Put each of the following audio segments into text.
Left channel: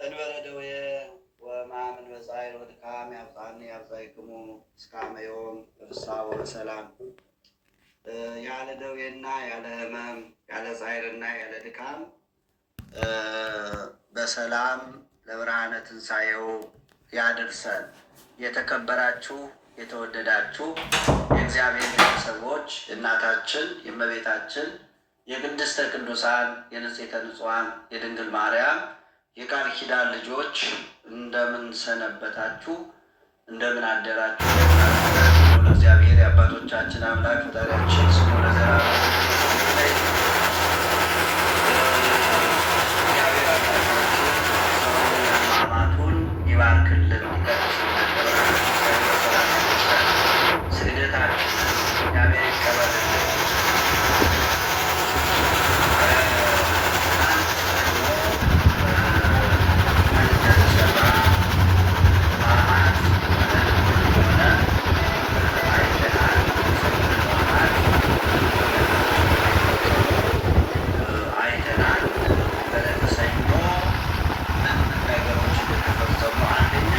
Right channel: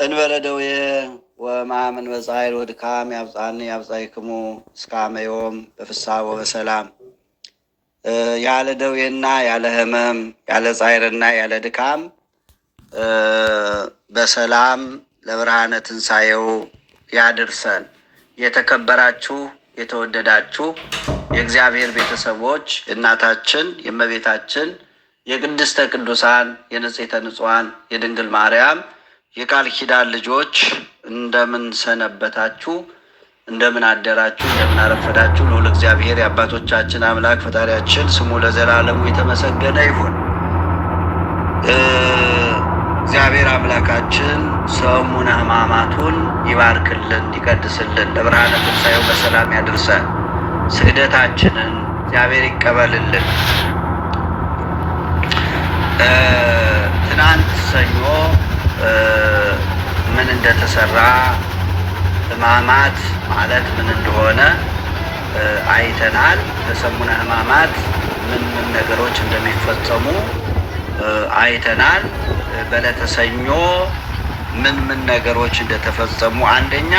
እንበለደዌ ወማምን በፀሐይል ወድካም ያብጻኒ ያብጻይክሙ እስከ አመ ዮም በፍስሐ ወበሰላም። ያለ ደዌና ያለ ሕመም ያለ ጻይርና ያለ ድካም በሰላም ለብርሃነ ትንሣኤው ያድርሰን። የተከበራችሁ የተወደዳችሁ የእግዚአብሔር ቤተሰቦች እናታችን የእመቤታችን የቅድስተ ቅዱሳን የንጽሕተ ንጹሐን የድንግል ማርያም የቃል ኪዳን ልጆች እንደምን ሰነበታችሁ? እንደምን አደራችሁ? እንደምን አረፈዳችሁ? ልዑል እግዚአብሔር የአባቶቻችን አምላክ ፈጣሪያችን ስሙ ለዘላለሙ የተመሰገነ ይሁን። እግዚአብሔር አምላካችን ሰሙነ ሕማማቱን ይባርክልን፣ ይቀድስልን፣ ለብርሃነ ትንሣኤው በሰላም ያድርሰን። ስግደታችንን እግዚአብሔር ይቀበልልን። ትናንት ሰኞ ምን እንደተሰራ ሕማማት ማለት ምን እንደሆነ አይተናል። በሰሙነ ሕማማት ምን ምን ነገሮች እንደሚፈጸሙ አይተናል። በዕለተ ሰኞ ምን ምን ነገሮች እንደተፈጸሙ፣ አንደኛ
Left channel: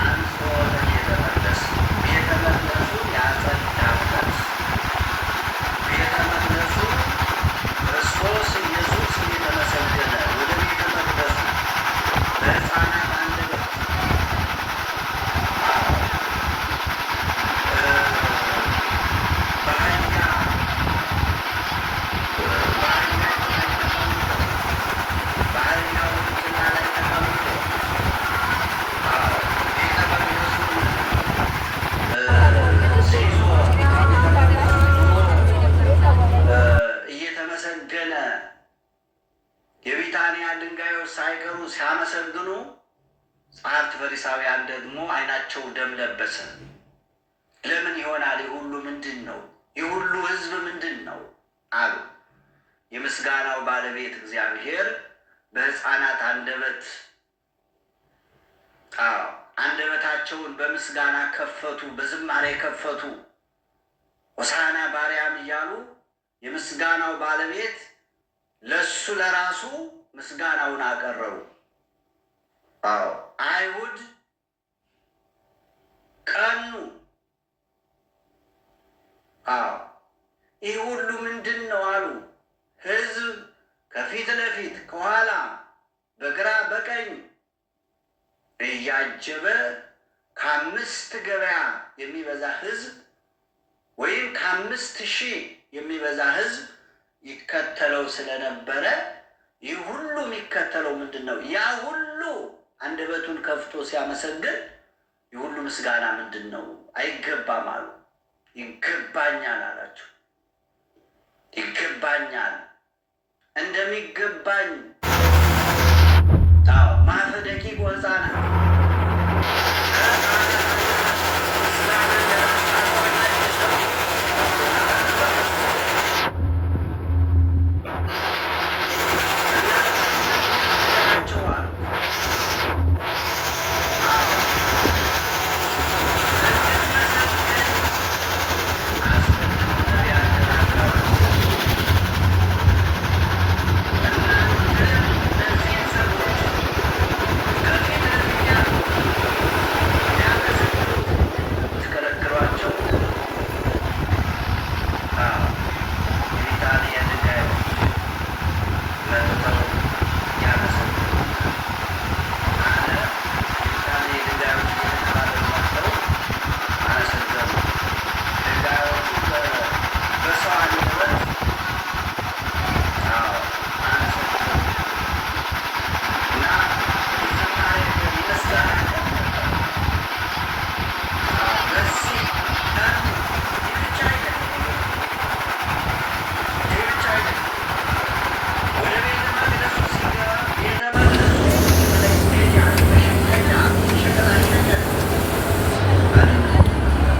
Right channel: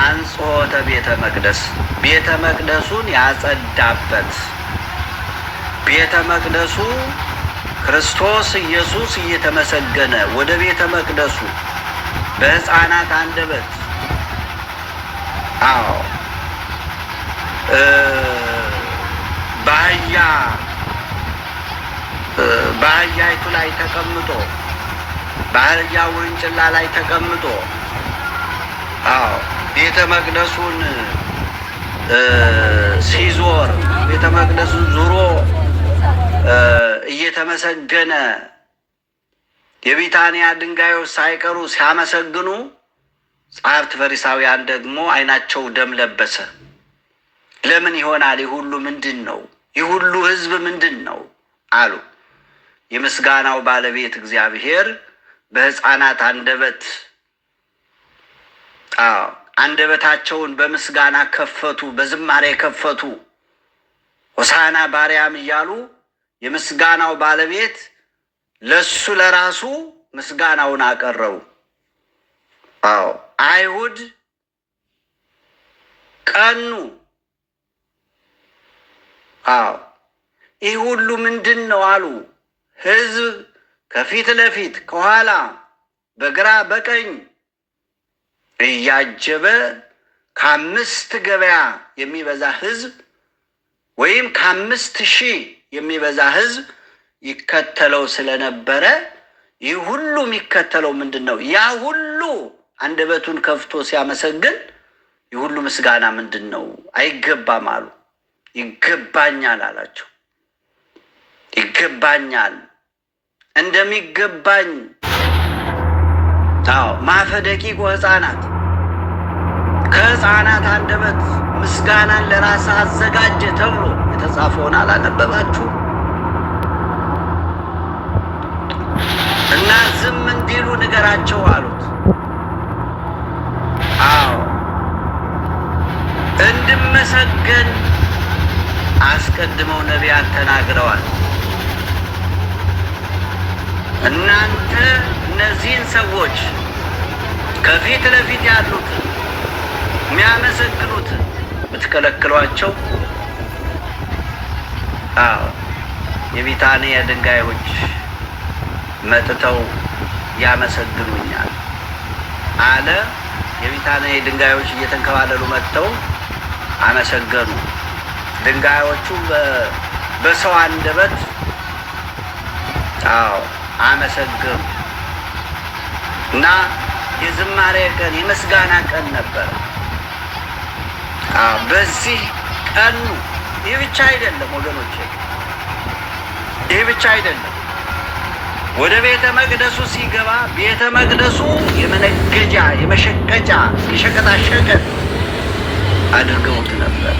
አንጽሖተ ቤተ መቅደስ፣ ቤተ መቅደሱን ያጸዳበት፣ ቤተ መቅደሱ ክርስቶስ ኢየሱስ እየተመሰገነ ወደ ቤተ መቅደሱ በሕፃናት አንደበት በአህያይቱ ላይ ተቀምጦ በአህያ ውርንጭላ ላይ ተቀምጦ ቤተ መቅደሱን ሲዞር ቤተ መቅደሱን ዙሮ እየተመሰገነ የቢታንያ ድንጋዮች ሳይቀሩ ሲያመሰግኑ ጸሐፍት ፈሪሳውያን ደግሞ ዓይናቸው ደም ለበሰ። ለምን ይሆናል? ይህ ሁሉ ምንድን ነው? ይህ ሁሉ ሕዝብ ምንድን ነው አሉ። የምስጋናው ባለቤት እግዚአብሔር በሕፃናት አንደበት አንደበታቸውን በምስጋና ከፈቱ፣ በዝማሬ ከፈቱ። ሆሳዕና በአርያም እያሉ የምስጋናው ባለቤት ለሱ ለራሱ ምስጋናውን አቀረቡ። አይሁድ ቀኑ። ይህ ሁሉ ምንድን ነው አሉ። ሕዝብ ከፊት ለፊት ከኋላ በግራ በቀኝ እያጀበ ከ5 ገበያ የሚበዛ ሕዝብ ወይም ከ5,000 የሚበዛ ሕዝብ ይከተለው ስለነበረ ይህ ሁሉ የሚከተለው ምንድን ነው? ያ ሁሉ አንደበቱን ከፍቶ ሲያመሰግን ይህ ሁሉ ምስጋና ምንድን ነው? አይገባም አሉ። ይገባኛል አላቸው። ይገባኛል እንደሚገባኝ ማፈደቂቆ ሕፃናት ከሕፃናት አንደበት ምስጋና ለራስ አዘጋጀ ተብሎ ተጻፎን አላነበባችሁ? እና ዝም እንዲሉ ንገራቸው አሉት። እንድመሰገን አስቀድመው ነቢያት ተናግረዋል። እናንተ እነዚህን ሰዎች ከፊት ለፊት ያሉት የሚያመሰግኑት ብትከለክሏቸው፣ የቢታንያ ድንጋዮች መጥተው ያመሰግኑኛል አለ። የቢታንያ ድንጋዮች እየተንከባለሉ መጥተው አመሰገኑ። ድንጋዮቹ በሰው አንደበት አመሰገኑ እና የዝማሬ ቀን የምስጋና ቀን ነበር። በዚህ ቀኑ ይህ ብቻ አይደለም ወገኖች፣ ይህ ብቻ አይደለም። ወደ ቤተ መቅደሱ ሲገባ ቤተ መቅደሱ የመነገጃ የመሸቀጫ የሸቀጣሸቀጥ አድርገውት ነበር።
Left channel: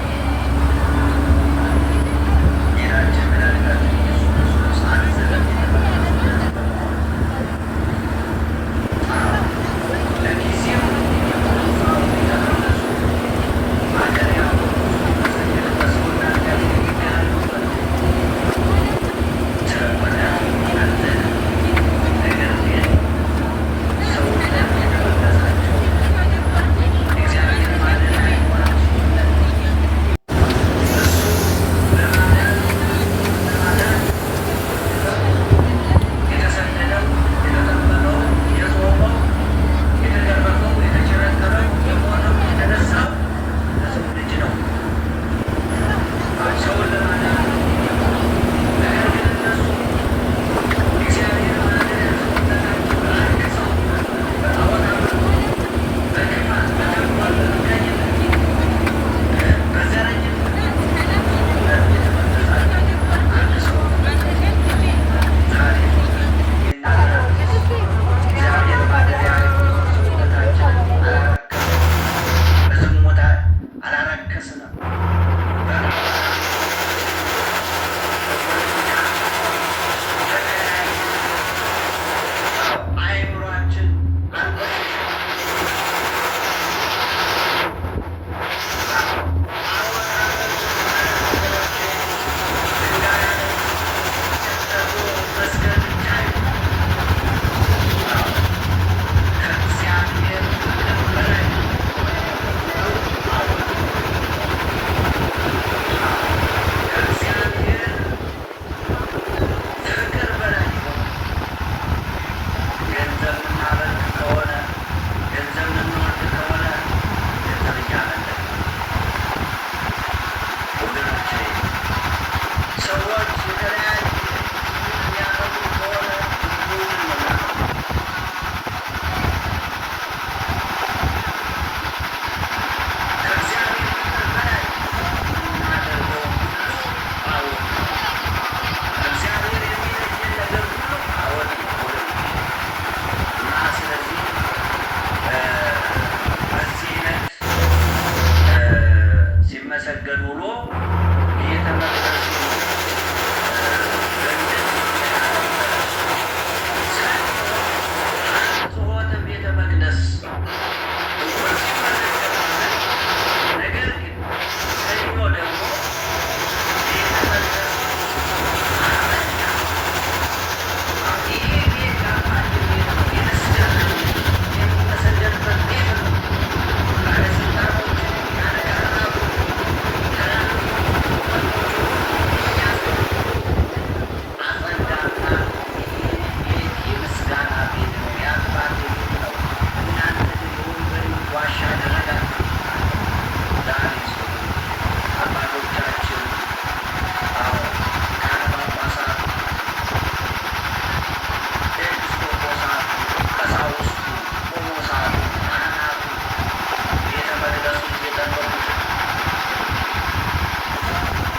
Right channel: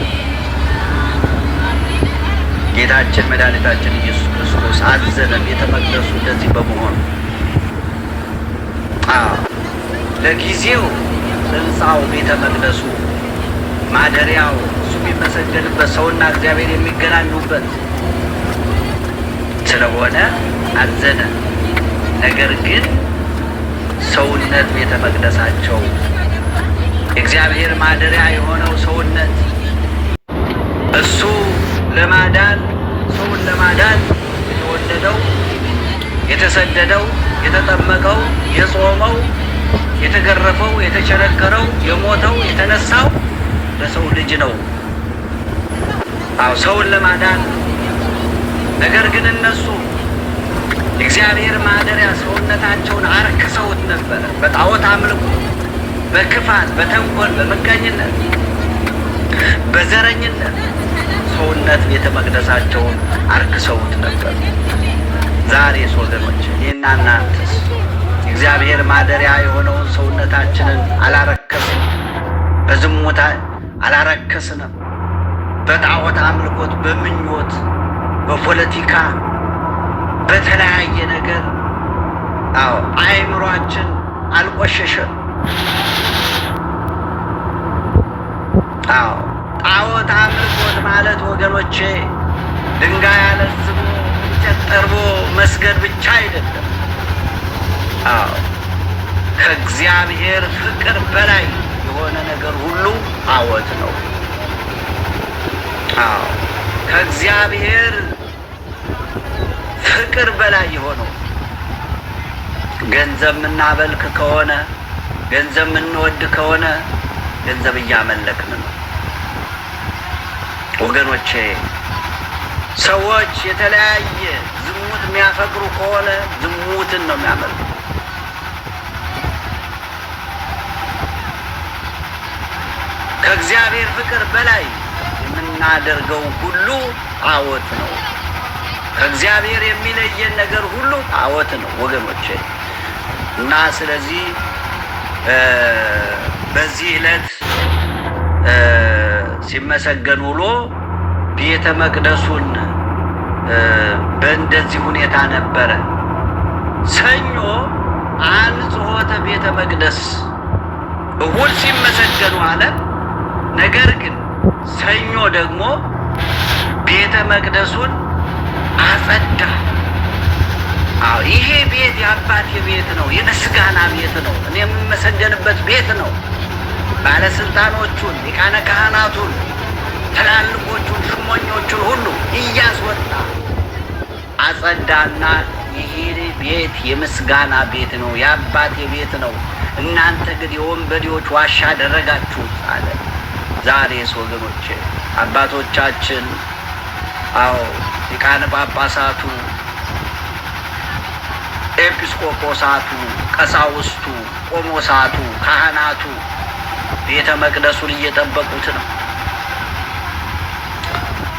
ጌታችን መድኃኒታችን ኢየሱስ ክርስቶስ አዘነ። ቤተ መቅደሱ እንደዚህ በመሆኑ ለጊዜው ሕንፃው ቤተ መቅደሱ ማደሪያው እሱ የሚመሰገንበት ሰውና እግዚአብሔር የሚገናኙበት ስለሆነ አዘነ። ነገር ግን ሰውነት ቤተ መቅደሳቸው የእግዚአብሔር ማደሪያ የሆነው ሰውነት እሱ ለማዳን ሰውን ለማዳን የተወለደው የተሰደደው የተጠመቀው የጾመው የተገረፈው የተቸነከረው የሞተው የተነሳው ለሰው ልጅ ነው። ሰውን ለማዳን። ነገር ግን እነሱ እግዚአብሔር ማደሪያ ሰውነታቸውን አርክሰውት ነበረ። በጣዖት አምልኮ፣ በክፋት፣ በተንኮል፣ በመጋኝነት፣ በዘረኝነት ሰውነት ቤተ መቅደሳቸውን አርክሰውት ነበር። ዛሬስ ወገኖች ይህና እናንተስ እግዚአብሔር ማደሪያ የሆነውን ሰውነታችንን አላረከስንም? በዝሙት አላረከስንም? በጣዖት አምልኮት፣ በምኞት፣ በፖለቲካ፣ በተለያየ ነገር አእምሯችን አልቆሸሸም? ጣዖት አምልኮት ማለት ወገኖቼ ድንጋይ አለዝሞ እንጨት ጠርቦ መስገድ ብቻ አይደለም። ከእግዚአብሔር ፍቅር በላይ የሆነ ነገር ሁሉ ጣዖት ነው። ከእግዚአብሔር ፍቅር በላይ የሆነው ገንዘብ የምናበልክ ከሆነ ገንዘብ የምንወድ ከሆነ ገንዘብ እያመለክን ነው ወገኖቼ። ሰዎች የተለያየ ዝሙት የሚያፈቅሩ ከሆነ ዝሙትን ነው የሚያመልኩ። ከእግዚአብሔር ፍቅር በላይ የምናደርገው ሁሉ ጣዖት ነው። ከእግዚአብሔር የሚለየን ነገር ሁሉ ጣዖት ነው ወገኖቼ። እና ስለዚህ በዚህ ዕለት ሲመሰገን ውሎ ቤተ መቅደሱን በእንደዚህ ሁኔታ ነበረ። ሰኞ አንጽሖተ ቤተ መቅደስ፣ እሑድ ሲመሰገኑ አለ። ነገር ግን ሰኞ ደግሞ ቤተ መቅደሱን አጸዳ። ይሄ ቤት የአባቴ ቤት ነው፣ የምስጋና ቤት ነው፣ እኔ የምመሰገንበት ቤት ነው። ባለስልጣኖቹን፣ ሊቃነ ካህናቱን፣ ትላልቆቹን፣ ሹመኞቹን ሁሉ እያስወጣ አጸዳና ይሄ ቤት የምስጋና ቤት ነው፣ የአባቴ ቤት ነው፣ እናንተ ግን የወንበዴዎች ዋሻ አደረጋችሁ አለ። ዛሬስ ወገኖቼ አባቶቻችን ሊቃነ ጳጳሳቱ፣ ኤጲስቆጶሳቱ፣ ቀሳውስቱ፣ ቆሞሳቱ፣ ካህናቱ ቤተ መቅደሱን እየጠበቁት ነው።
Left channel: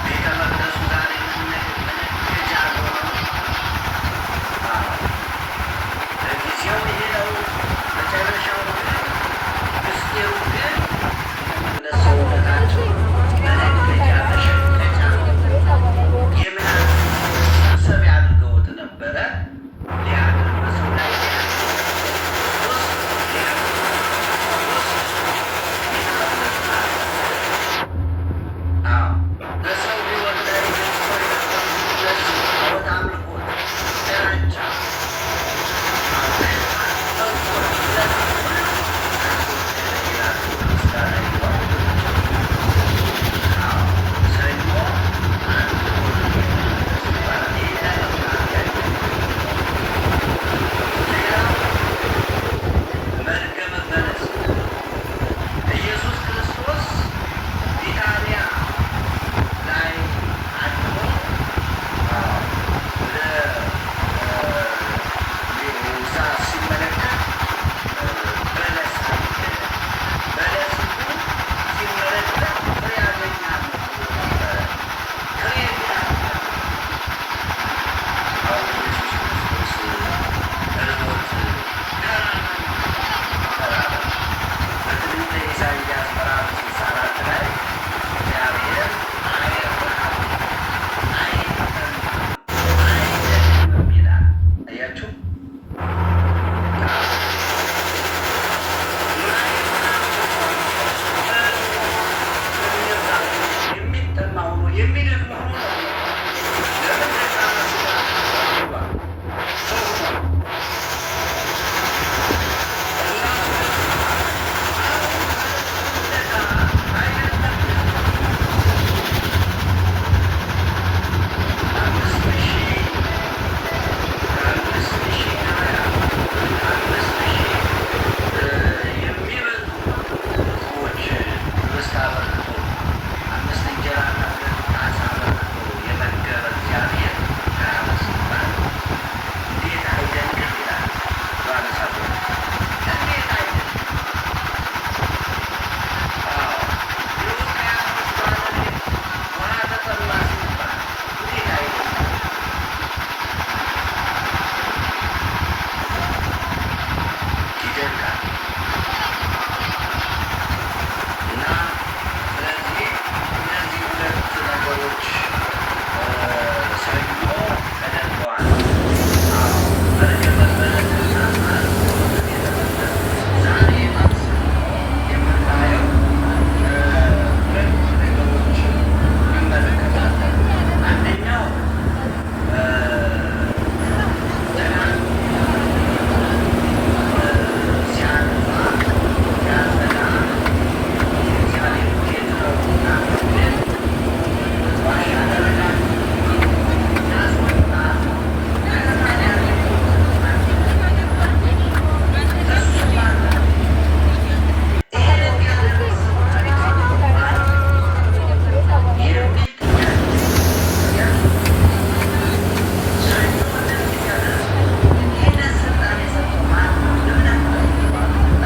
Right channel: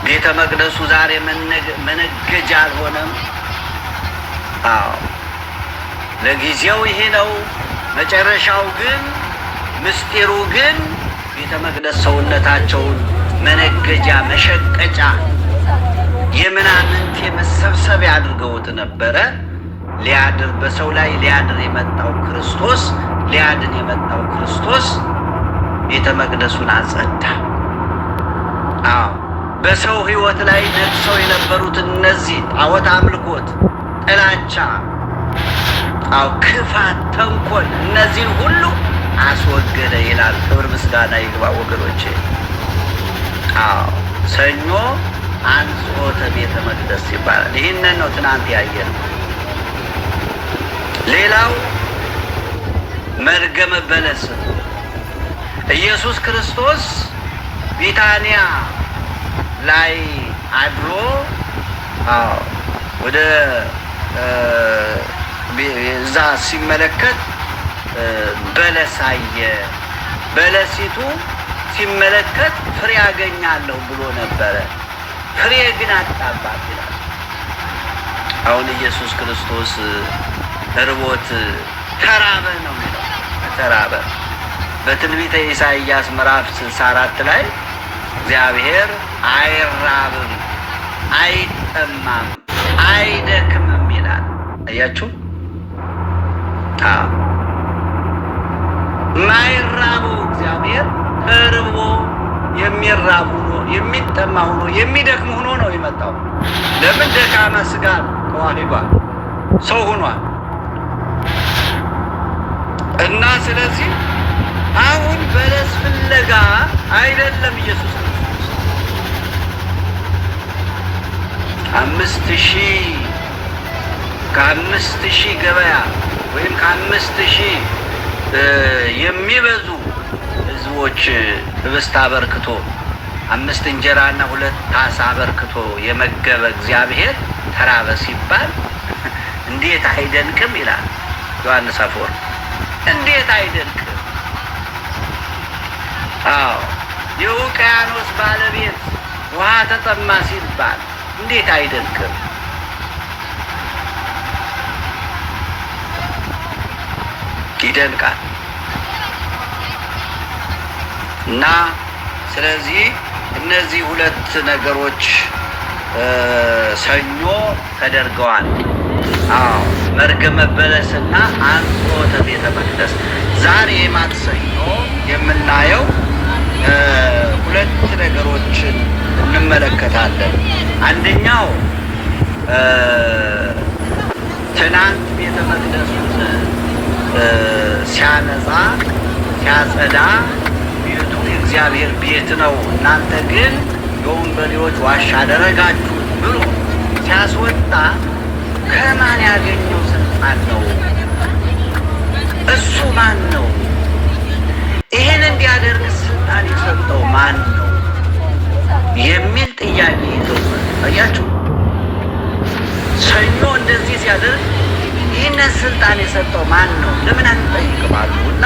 ቤተ መቅደሱ ዛሬ መነገጃ አልሆነም። ለጊዜው ይሄ ነው። መጨረሻው ግን ምስጢሩ ግን ቤተ መቅደስ ሰውነታቸውን መነገጃ፣ መሸቀጫ፣ የምናምንት የመሰብሰቢያ አድርገውት ነበረ። ሊያድር በሰው ላይ ሊያድር የመጣው ክርስቶስ ቤተ መቅደሱን አጸዳ። በሰው ሕይወት ላይ ነግሰው የነበሩትን እነዚህ ጣዖት አምልኮት፣ ጥላቻ፣ ክፋት፣ ተንኮል እነዚህን ሁሉ አስወገደ ይላል። ክብር ምስጋና ይግባ ወገኖቼ። ሰኞ አንጽሖተ ቤተ መቅደስ ይባላል። ይህንን ነው ትናንት ያየን። ሌላው መርገመ በለስ። ኢየሱስ ክርስቶስ ቢታንያ ላይ አድሮ ወደ እዛ ሲመለከት በለስ አየ። በለሲቱ ሲመለከት ፍሬ አገኛለሁ ብሎ ነበረ። ፍሬ ግን አጣባት ይላል። አሁን ኢየሱስ ክርስቶስ ርቦት ተራበ ነው የሚለው። ተራበ። በትንቢተ ኢሳይያስ ምዕራፍ 64 ላይ እግዚአብሔር አይራብም፣ አይጠማም፣ አይደክምም ይላል። አያችሁ? ማይራቡ እግዚአብሔር እርቦ የሚራቡ የሚጠማ ሆኖ የሚደክም ሆኖ ነው የመጣው። ለምን? ደካማ ስጋ ተዋሂዷል፣ ሰው ሆኗል። እና ስለዚህ አሁን በለስ ፍለጋ አይደለም ኢየሱስ 5,000 ገበያ ወይም 5,000 የሚበዙ ሕዝቦች ህብስት አበርክቶ 5 እንጀራና 2 ዓሣ አበርክቶ የመገበ እግዚአብሔር ተራበ ሲባል እንዴት አይደንቅም ይላል ዮሐንስ አፈወርቅ። እንዴት አይደንቅም? አዎ የውቅያኖስ ባለቤት ውሃ ተጠማ ሲባል እንዴት አይደንቅም? ይደንቃል። እና ስለዚህ እነዚህ 2 ነገሮች ሰኞ ተደርገዋል። መርገመ በለስና አጽንዖተ ቤተ መቅደስ። ዛሬ ማክሰኞ የምናየው 2 ነገሮችን እንመለከታለን። አንደኛው ትናንት ቤተ መቅደስ ሲያነጻ ሲያጸዳ ቤቱ የእግዚአብሔር ቤት ነው፣ እናንተ ግን የወንበዴዎች ዋሻ አደረጋችሁ ብሎ ሲያስወጣ ከማን ያገኙት ማን ነው? እሱ ማን ነው? ይህን እንዲያደርግ ስልጣን የሰጠው ማን ነው የሚል ጥያቄ አያችሁ። ሰኞ እንደዚህ ሲያደርግ ይህንን ስልጣን የሰጠው ማን ነው? ለምን አንጠይቅም አሉ እና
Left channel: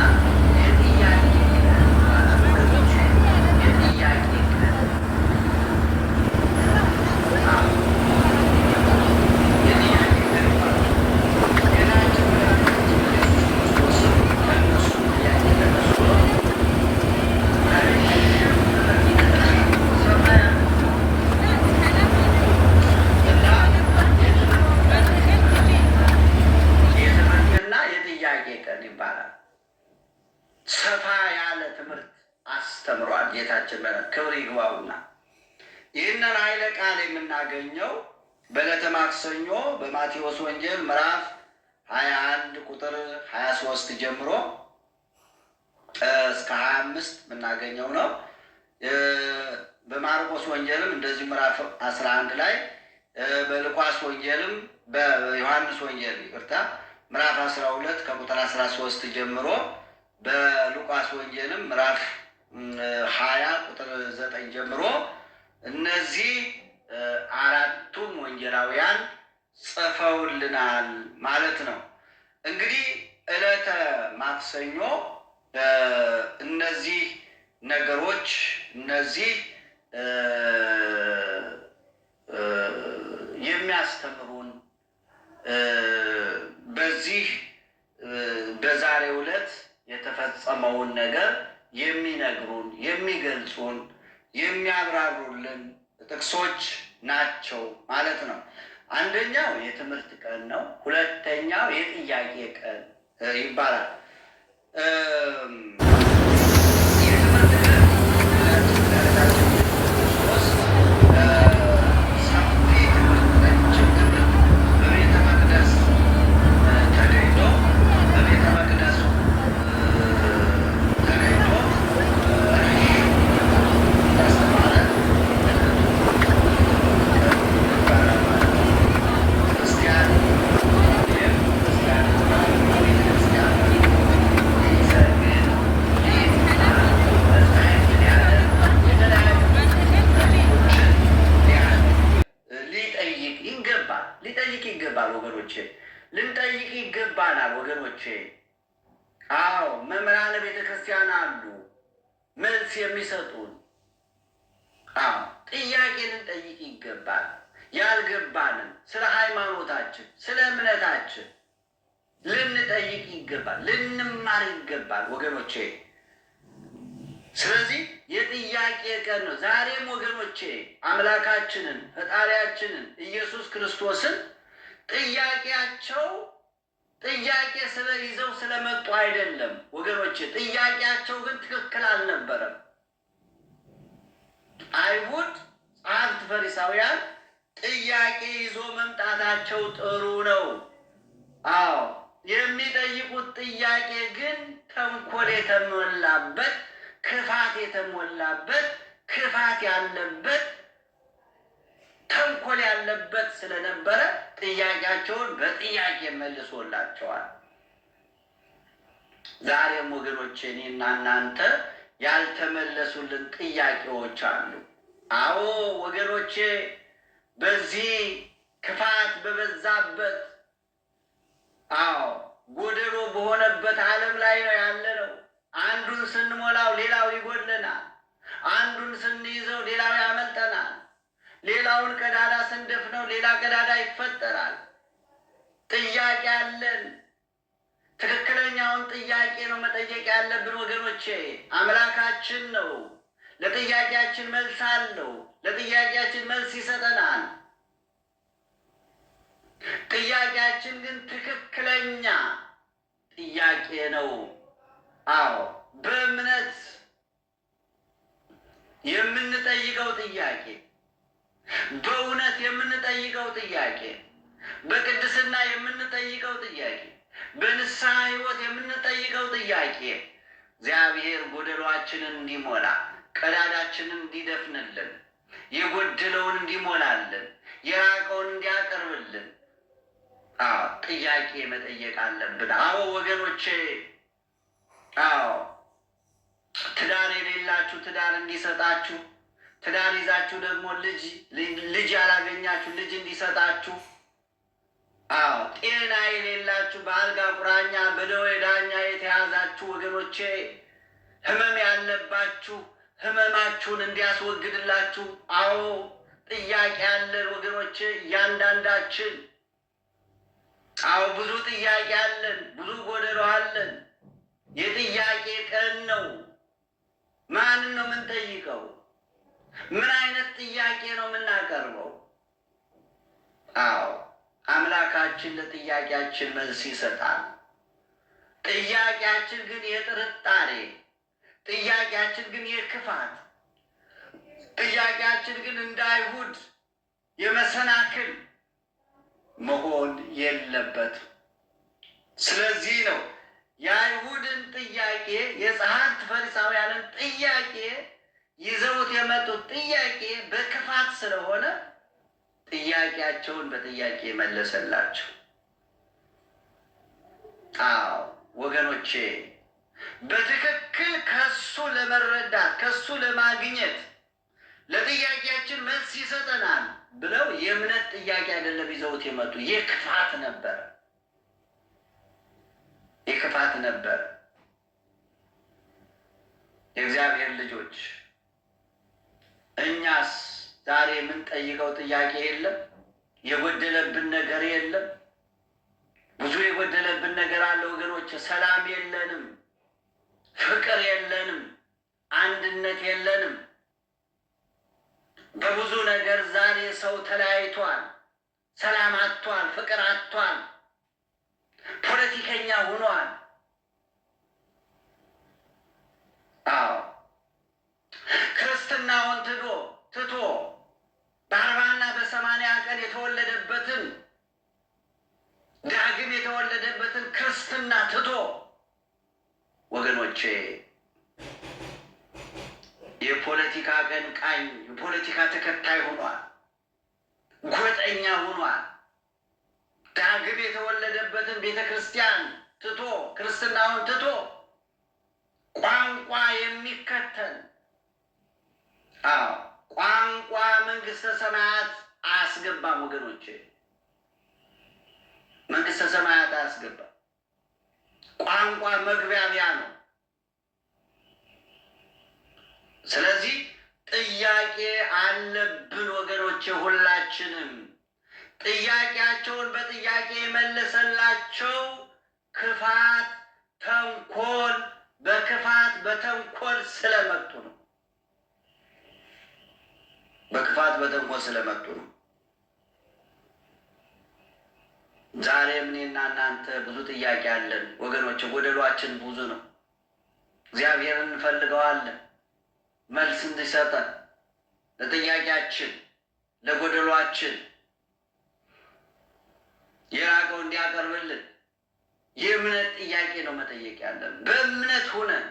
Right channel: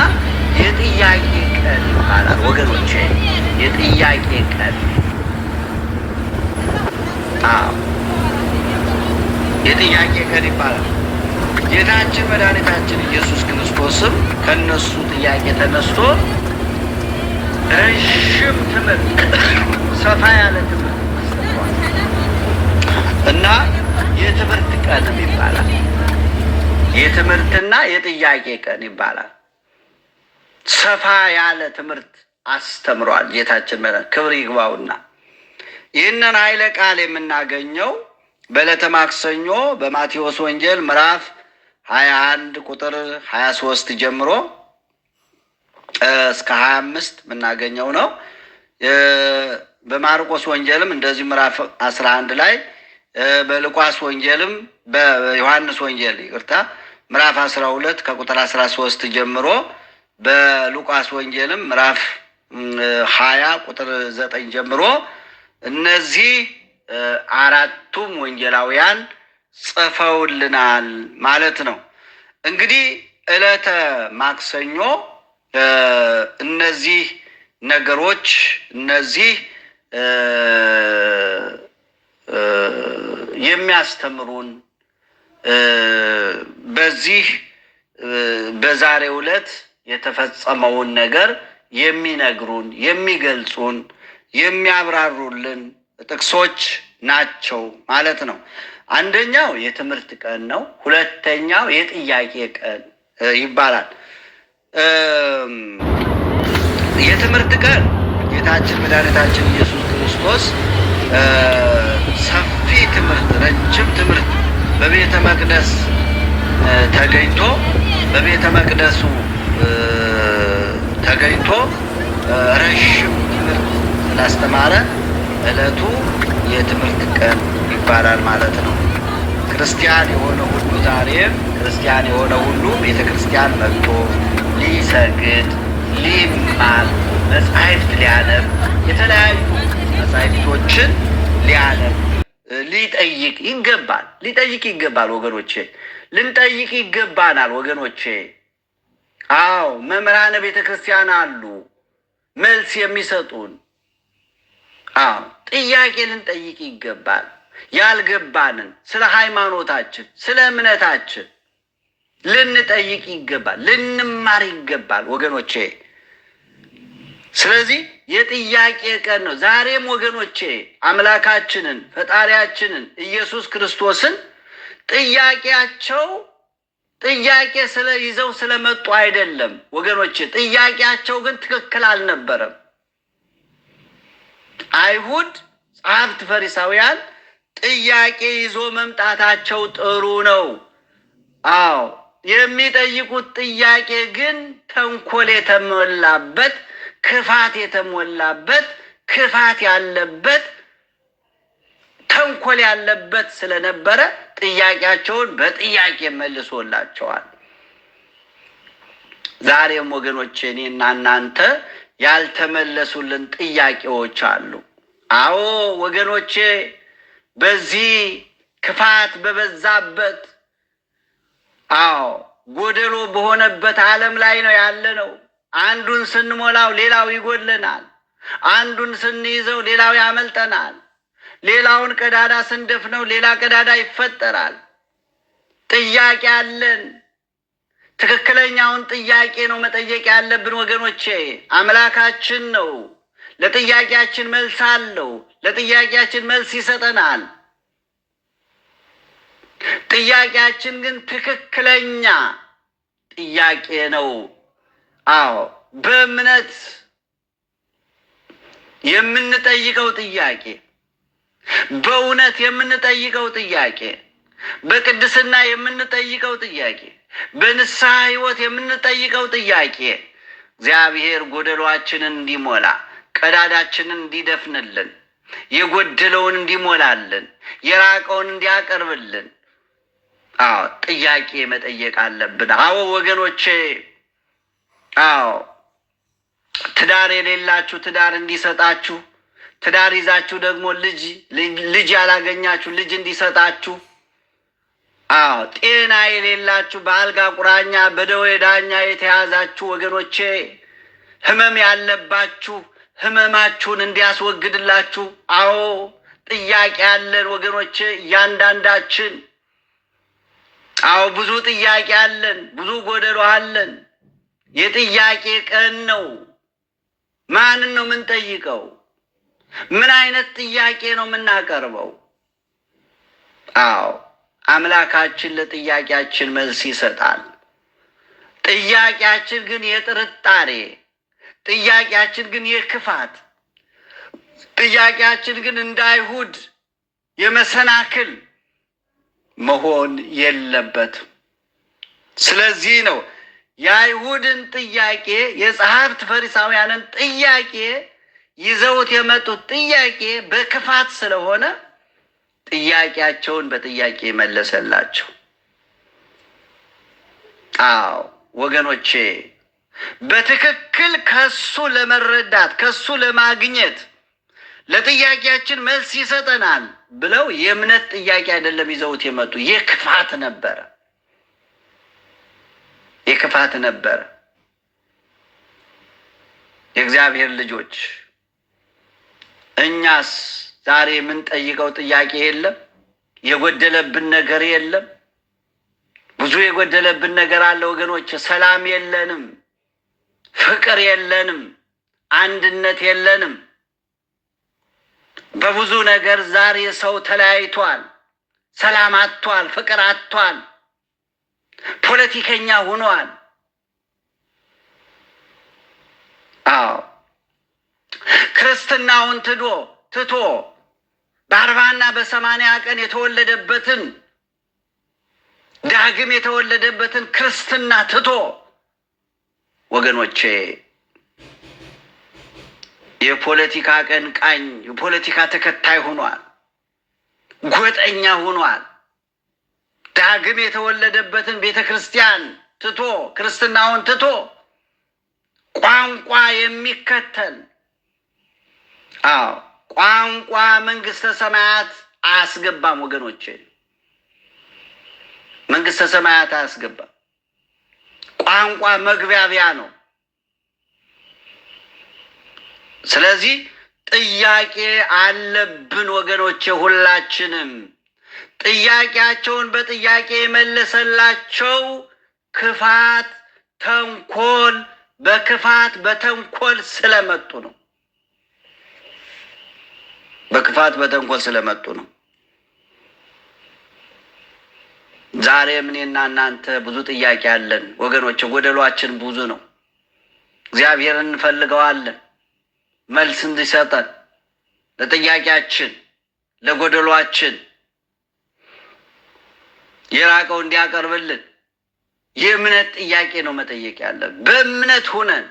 የጥያቄ ቀን ይባላል ወገኖቼ፣ የጥያቄ ቀን። የጥያቄ ቀን ይባላል። ጌታችን መድኃኒታችን ኢየሱስ ክርስቶስም ከእነሱ ጥያቄ ተነስቶ ረዥም ትምህርት፣ ሰፋ ያለ ትምህርት እና የትምህርት ቀን ይባላል። የትምህርትና የጥያቄ ቀን ይባላል። ሰፋ ያለ ትምህርት አስተምሯል ጌታችን ክብር ይግባውና ይህንን ኃይለ ቃል የምናገኘው በዕለተ ማክሰኞ በማቴዎስ ወንጌል ምዕራፍ 21 ቁጥር 23 ጀምሮ እስከ 25 የምናገኘው ነው። በማርቆስ ወንጌልም እንደዚህ ምዕራፍ 11 ላይ፣ በሉቃስ ወንጌልም በዮሐንስ ወንጌል ይቅርታ ምዕራፍ 12 ከቁጥር 13 ጀምሮ፣ በሉቃስ ወንጌልም ምዕራፍ 20 ቁጥር 9 ጀምሮ እነዚህ 4ቱም ወንጌላውያን ጽፈውልናል ማለት ነው። እንግዲህ ዕለተ ማክሰኞ እነዚህ ነገሮች እነዚህ የሚያስተምሩን በዚህ በዛሬው ዕለት የተፈጸመውን ነገር የሚነግሩን፣ የሚገልጹን፣ የሚያብራሩልን ጥቅሶች ናቸው ማለት ነው። አንደኛው የትምህርት ቀን ነው። ሁለተኛው የጥያቄ ቀን ይባላል። የትምህርት ቀን ጌታችን መድኃኒታችን ኢየሱስ ክርስቶስ ሰፊ ትምህርት፣ ረጅም ትምህርት በቤተ መቅደስ ተገኝቶ በቤተ መቅደሱ ተገኝቶ ረዥም ስላስተማረ ዕለቱ የትምህርት ቀን ይባላል ማለት ነው። ክርስቲያን የሆነ ሁሉ ዛሬ ክርስቲያን የሆነ ሁሉ ቤተ ክርስቲያን መጥቶ ሊሰግድ፣ ሊማር፣ መጻሕፍት ሊያነብ፣ የተለያዩ መጻሕፍቶችን ሊያነብ፣ ሊጠይቅ ይገባል። ሊጠይቅ ይገባል ወገኖቼ፣ ልንጠይቅ ይገባናል ወገኖቼ። አዎ መምህራነ ቤተ ክርስቲያን አሉ መልስ የሚሰጡን። አዎ ጥያቄ ልንጠይቅ ይገባል። ያልገባንን ስለ ሃይማኖታችን፣ ስለ እምነታችን ልንጠይቅ ይገባል፣ ልንማር ይገባል ወገኖቼ። ስለዚህ የጥያቄ ቀን ነው ዛሬም ወገኖቼ። አምላካችንን ፈጣሪያችንን ኢየሱስ ክርስቶስን ጥያቄ ይዘው ስለመጡ አይደለም ወገኖቼ። ጥያቄያቸው ግን ትክክል አልነበረም። አይሁድ ጸሐፍት ፈሪሳውያን ጥያቄ ይዞ መምጣታቸው ጥሩ ነው። አዎ የሚጠይቁት ጥያቄ ግን ተንኮል የተሞላበት፣ ክፋት የተሞላበት፣ ክፋት ያለበት፣ ተንኮል ያለበት ስለነበረ ጥያቄያቸውን በጥያቄ መልሶላቸዋል። ዛሬም ወገኖቼ እኔና እናንተ ያልተመለሱልን ጥያቄዎች አሉ። አዎ ወገኖቼ፣ በዚህ ክፋት በበዛበት፣ አዎ ጎደሎ በሆነበት ዓለም ላይ ነው ያለነው። አንዱን ስንሞላው ሌላው ይጎድለናል። አንዱን ስንይዘው ሌላው ያመልጠናል። ሌላውን ቀዳዳ ስንደፍነው ሌላ ቀዳዳ ይፈጠራል። ጥያቄ አለን። ትክክለኛውን ጥያቄ ነው መጠየቅ ያለብን ወገኖቼ። አምላካችን ነው። ለጥያቄያችን መልስ አለው። ለጥያቄያችን መልስ ይሰጠናል። ጥያቄያችን ግን ትክክለኛ ጥያቄ ነው። አዎ በእምነት የምንጠይቀው ጥያቄ፣ በእውነት የምንጠይቀው ጥያቄ፣ በቅድስና የምንጠይቀው ጥያቄ፣ በንስሐ ሕይወት የምንጠይቀው ጥያቄ እግዚአብሔር ጎደሏችንን እንዲሞላ፣ ቀዳዳችንን እንዲደፍንልን፣ የጎደለውን እንዲሞላልን፣ የራቀውን እንዲያቀርብልን ጥያቄ መጠየቅ አለብን። አዎ ወገኖቼ፣ አዎ ትዳር የሌላችሁ ትዳር እንዲሰጣችሁ፣ ትዳር ይዛችሁ ደግሞ ልጅ ያላገኛችሁ ልጅ እንዲሰጣችሁ፣ አዎ ጤና የሌላችሁ በአልጋ ቁራኛ በደዌ ዳኛ የተያዛችሁ ወገኖቼ፣ ህመም ያለባችሁ ህመማችሁን እንዲያስወግድላችሁ፣ አዎ ጥያቄ አለን ወገኖቼ እያንዳንዳችን። አዎ ብዙ ጥያቄ አለን፣ ብዙ ጎደሎ አለን። የጥያቄ ቀን ነው። ማንን ነው የምንጠይቀው? ምን አይነት ጥያቄ ነው የምናቀርበው? አዎ አምላካችን ለጥያቄያችን መልስ ይሰጣል። ጥያቄያችን ግን የጥርጣሬ፣ ጥያቄያችን ግን የክፋት፣ ጥያቄያችን ግን እንደ አይሁድ የመሰናክል መሆን የለበትም። ስለዚህ ነው የአይሁድን ጥያቄ፣ የጸሐፍት ፈሪሳውያንን ጥያቄ ይዘውት የመጡት ጥያቄ በክፋት ስለሆነ ጥያቄያቸውን በጥያቄ መለሰላቸው። አዎ ወገኖቼ፣ በትክክል ከሱ ለመረዳት ከሱ ለማግኘት ለጥያቄያችን መልስ ይሰጠናል ብለው የእምነት ጥያቄ አይደለም ይዘውት የመጡ፣ የክፋት ነበረ፣ የክፋት ነበረ። የእግዚአብሔር ልጆች እኛስ ዛሬ የምንጠይቀው ጥያቄ የለም? የጎደለብን ነገር የለም? ብዙ የጎደለብን ነገር አለ ወገኖች። ሰላም የለንም፣ ፍቅር የለንም፣ አንድነት የለንም። በብዙ ነገር ዛሬ ሰው ተለያይቷል፣ ሰላም አጥቷል፣ ፍቅር አጥቷል፣ ፖለቲከኛ ሆኗል። አዎ ክርስትናውን ትቶ በ40 እና በ80 ቀን የተወለደበትን ዳግም የተወለደበትን ክርስትና ትቶ ወገኖቼ የፖለቲካ አቀንቃኝ፣ የፖለቲካ ተከታይ ሆኗል፣ ጎጠኛ ሆኗል። ዳግም የተወለደበትን ቤተ ክርስቲያን ትቶ ክርስትናውን ትቶ ቋንቋ የሚከተል፣ አዎ ቋንቋ መንግስተ ሰማያት አያስገባም ወገኖቼ፣ መንግስተ ሰማያት አያስገባም። ቋንቋ መግቢያቢያ ነው። ስለዚህ ጥያቄ አለብን ወገኖቼ። ሁላችንም ጥያቄያቸውን በጥያቄ የመለሰላቸው ክፋት፣ ተንኮል በክፋት በተንኮል ስለመጡ ነው። በክፋት በተንኮል ስለመጡ ነው። ዛሬም እኔና እናንተ ብዙ ጥያቄ አለን ወገኖቼ። ጎደሏችን ብዙ ነው። እግዚአብሔርን እንፈልገዋለን መልስ እንዲሰጠን ለጥያቄያችን፣ ለጎደሏችን የራቀው እንዲያቀርብልን፣ የእምነት ጥያቄ ነው መጠየቅ ያለብን። በእምነት ሁነን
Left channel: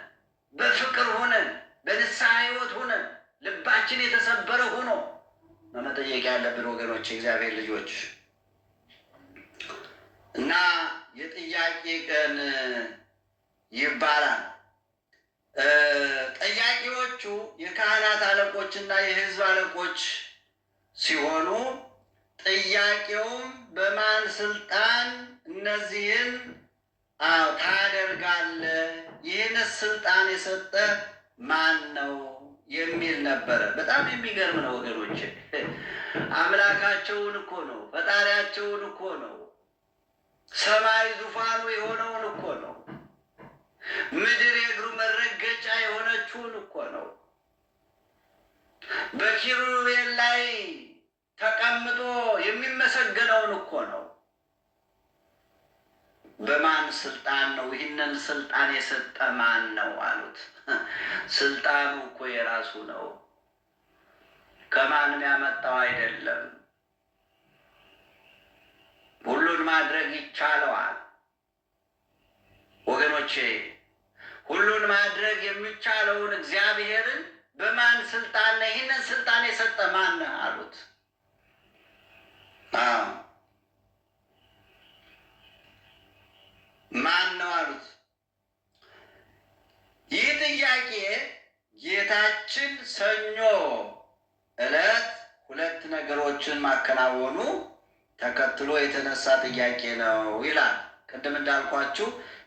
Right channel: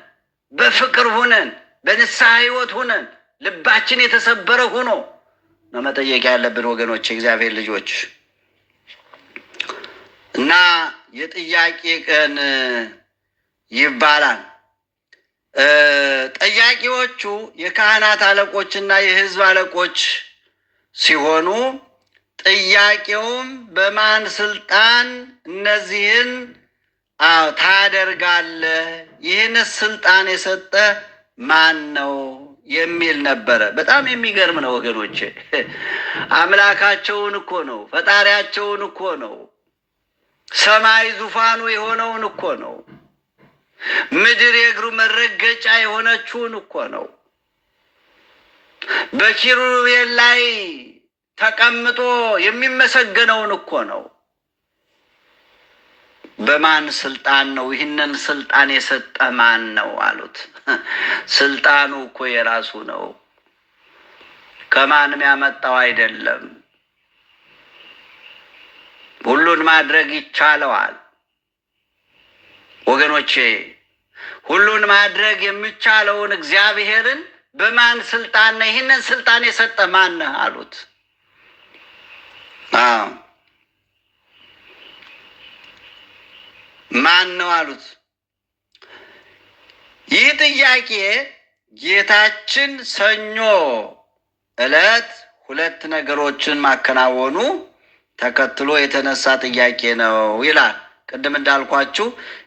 በፍቅር ሁነን በንስሐ ሕይወት ሁነን ልባችን የተሰበረ ሆኖ ነው መጠየቅ ያለብን ወገኖች፣ እግዚአብሔር ልጆች እና የጥያቄ ቀን ይባላል። ጠያቂዎቹ የካህናት አለቆችና የሕዝብ አለቆች ሲሆኑ ጥያቄውም በማን ስልጣን እነዚህን ታደርጋለህ? ይህንስ ስልጣን የሰጠ ማን ነው የሚል ነበረ። በጣም የሚገርም ነው ወገኖቼ። አምላካቸውን እኮ ነው፣ ፈጣሪያቸውን እኮ ነው፣ ሰማይ ዙፋኑ የሆነውን እኮ ነው፣ ምድር የእግሩ መረገጫ የሆነችውን እኮ ነው፣ በኪሩቤል ላይ ተቀምጦ የሚመሰገነውን እኮ ነው። በማን ስልጣን ነው? ይህንን ስልጣን የሰጠ ማን ነው አሉት። ስልጣኑ እኮ የራሱ ነው፣ ከማንም ያመጣው አይደለም። ሁሉን ማድረግ ይቻለዋል ወገኖቼ። ሁሉን ማድረግ የሚቻለውን እግዚአብሔርን በማን ስልጣን ነው? ይህንን ስልጣን የሰጠ ማን ነው አሉት። ማን ነው አሉት። ይህ ጥያቄ ጌታችን ሰኞ ዕለት ሁለት ነገሮችን ማከናወኑ ተከትሎ የተነሳ ጥያቄ ነው ይላል። ቅድም እንዳልኳችሁ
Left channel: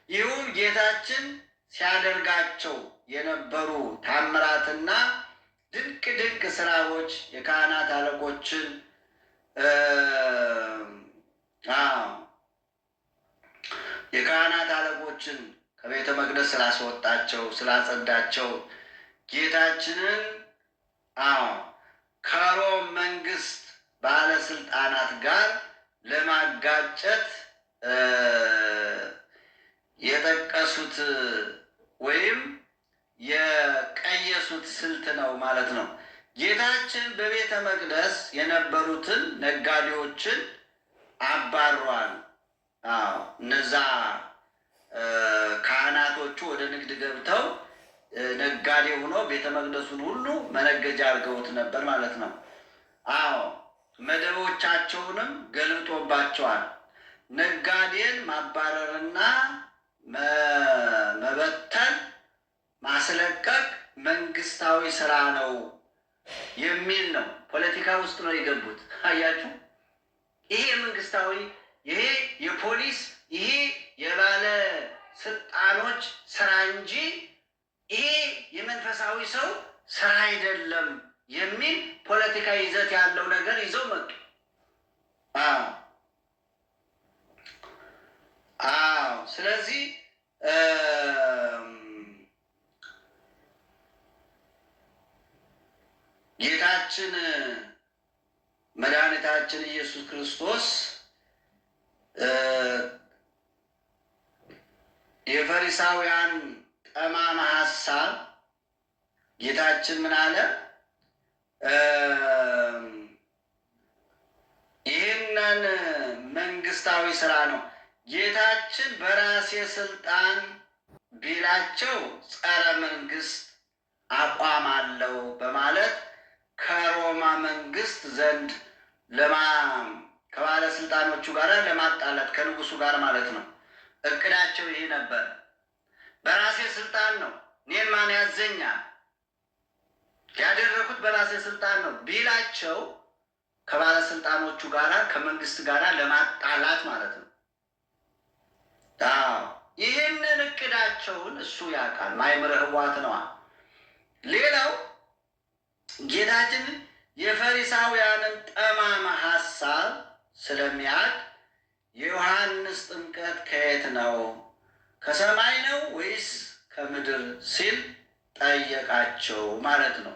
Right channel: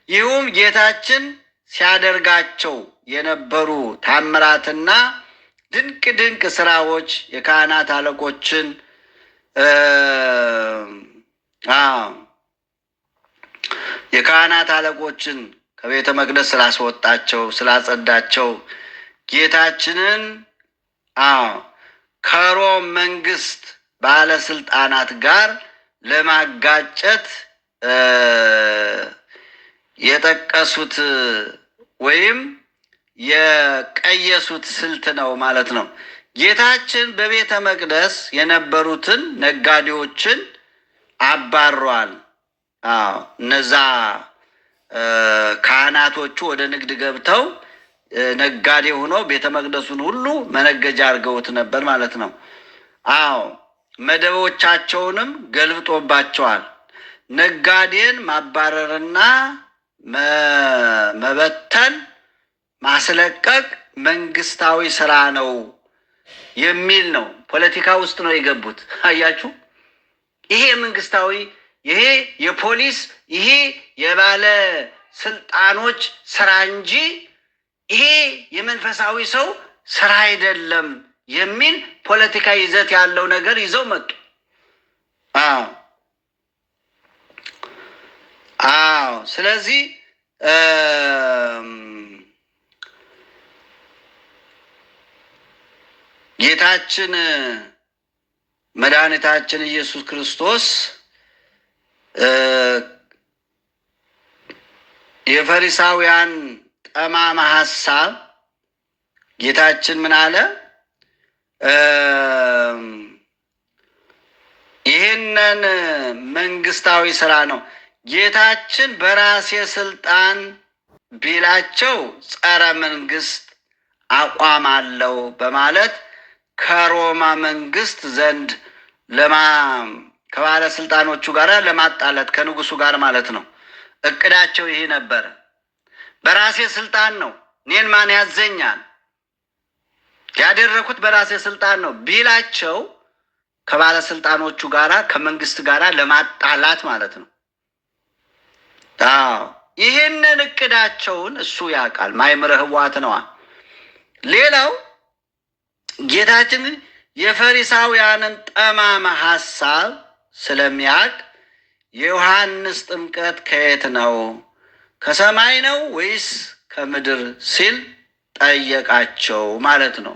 ይህም ጌታችን ሲያደርጋቸው የነበሩ ታምራትና ድንቅ ድንቅ ስራዎች የካህናት አለቆችን ከቤተ መቅደስ ስላስወጣቸው ስላጸዳቸው ጌታችንን ከሮም መንግስት ባለስልጣናት ጋር ለማጋጨት የጠቀሱት ወይም የቀየሱት ስልት ነው ማለት ነው። ጌታችን በቤተ መቅደስ የነበሩትን ነጋዴዎችን አባሯል። እነዛ ካህናቶቹ ወደ ንግድ ገብተው ነጋዴ ሆነው ቤተ መቅደሱን ሁሉ መነገጃ አድርገውት ነበር ማለት ነው። መደቦቻቸውንም ገልብጦባቸዋል። ነጋዴን ማባረርና መበተን ማስለቀቅ መንግስታዊ ስራ ነው የሚል ነው። ፖለቲካ ውስጥ ነው የገቡት። አያችሁ፣ ይሄ መንግስታዊ፣ ይሄ የፖሊስ፣ ይሄ የባለ ስልጣኖች ስራ እንጂ ይሄ የመንፈሳዊ ሰው ስራ አይደለም የሚል ፖለቲካ ይዘት ያለው ነገር ይዘው መጡ። ስለዚህ ጌታችን መድኃኒታችን ኢየሱስ ክርስቶስ የፈሪሳውያን ጠማማ ሐሳብ ጌታችን ምን አለ? ይህንን መንግስታዊ ስራ ነው ጌታችን በራሴ ስልጣን ቢላቸው ጸረ መንግስት አቋም አለው በማለት ከሮማ መንግስት ዘንድ ከባለስልጣኖቹ ጋር ለማጣላት ከንጉሱ ጋር ማለት ነው። እቅዳቸው ይሄ ነበረ። በራሴ ስልጣን ነው፣ እኔን ማን ያዘኛል? ያደረኩት በራሴ ስልጣን ነው ቢላቸው ከባለስልጣኖቹ ጋራ ከመንግስት ጋራ ለማጣላት ማለት ነው። ይህንን እቅዳቸውን እሱ ያውቃል። ማይምረ ህዋት ነዋ። ሌላው ጌታችን የፈሪሳውያንን ጠማማ ሐሳብ ስለሚያውቅ የዮሐንስ ጥምቀት ከየት ነው? ከሰማይ ነው ወይስ ከምድር ሲል ጠየቃቸው ማለት ነው።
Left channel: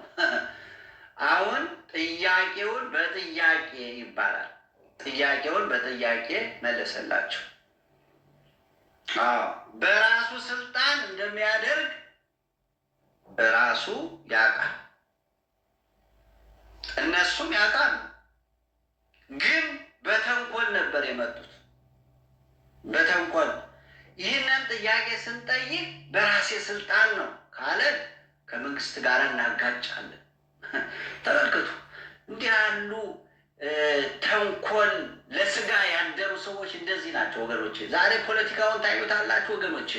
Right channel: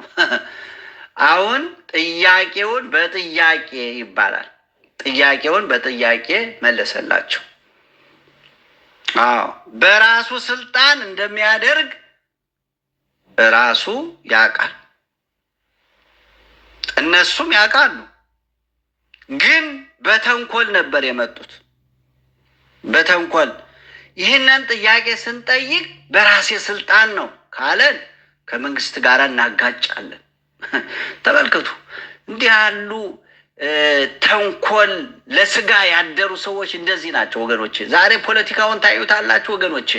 አሁን ጥያቄውን በጥያቄ ይባላል። ጥያቄውን በጥያቄ መለሰላቸው። በራሱ ስልጣን እንደሚያደርግ ራሱ ያውቃል፣ እነሱም ያውቃሉ። ግን በተንኮል ነበር የመጡት። በተንኮል ይህንን ጥያቄ ስንጠይቅ በራሴ ስልጣን ነው ካለን ከመንግስት ጋር እናጋጫለን። ተመልከቱ፣ እንዲህ ያሉ ተንኮል ለስጋ ያደሩ ሰዎች እንደዚህ ናቸው ወገኖቼ። ዛሬ ፖለቲካውን ታዩታላችሁ ወገኖቼ።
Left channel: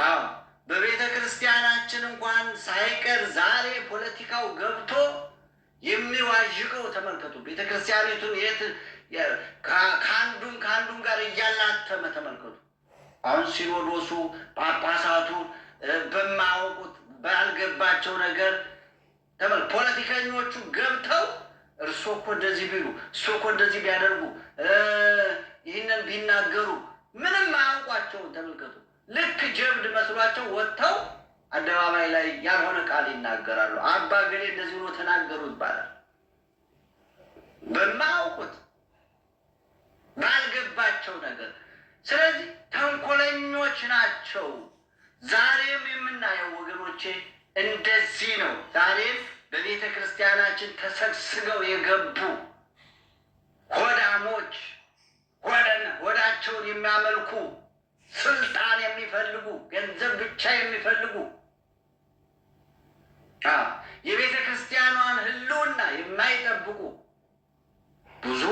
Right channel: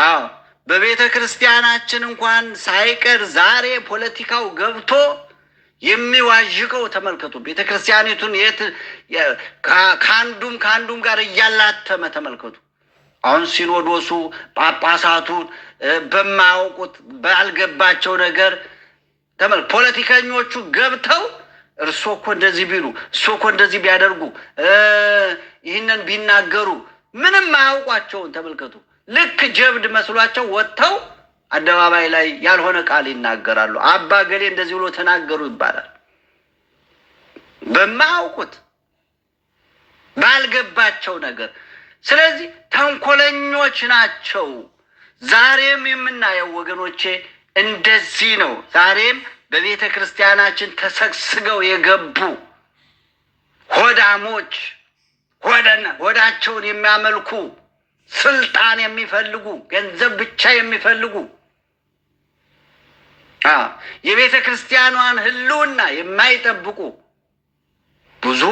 አዎ በቤተ ክርስቲያናችን እንኳን ሳይቀር ዛሬ ፖለቲካው ገብቶ የሚዋዥቀው ተመልከቱ። ቤተ ክርስቲያኒቱን ከአንዱም ጋር እያላተመ ተመልከቱ። አሁን ሲኖዶሱ ጳጳሳቱን በማያውቁት ባልገባቸው ነገር ፖለቲከኞቹ ገብተው እርሶ እኮ እንደዚህ ቢሉ፣ እርሶ እኮ እንደዚህ ቢያደርጉ፣ ይህንን ቢናገሩ ምንም አያውቋቸውን ተመልከቱ። ልክ ጀብድ መስሏቸው ወጥተው አደባባይ ላይ ያልሆነ ቃል ይናገራሉ። አባ ገሌ እንደዚህ ብሎ ተናገሩ ይባላል። በማያውቁት ባልገባቸው ነገር። ስለዚህ ተንኮለኞች ናቸው። ዛሬም የምናየው ወገኖቼ እንደዚህ ነው። ዛሬም በቤተ ክርስቲያናችን ተሰግስገው የገቡ ሆዳሞች፣ ሆዳቸውን የሚያመልኩ፣ ስልጣን የሚፈልጉ፣ ገንዘብ ብቻ የሚፈልጉ፣ የቤተ ክርስቲያኗን ሕልውና የማይጠብቁ ብዙ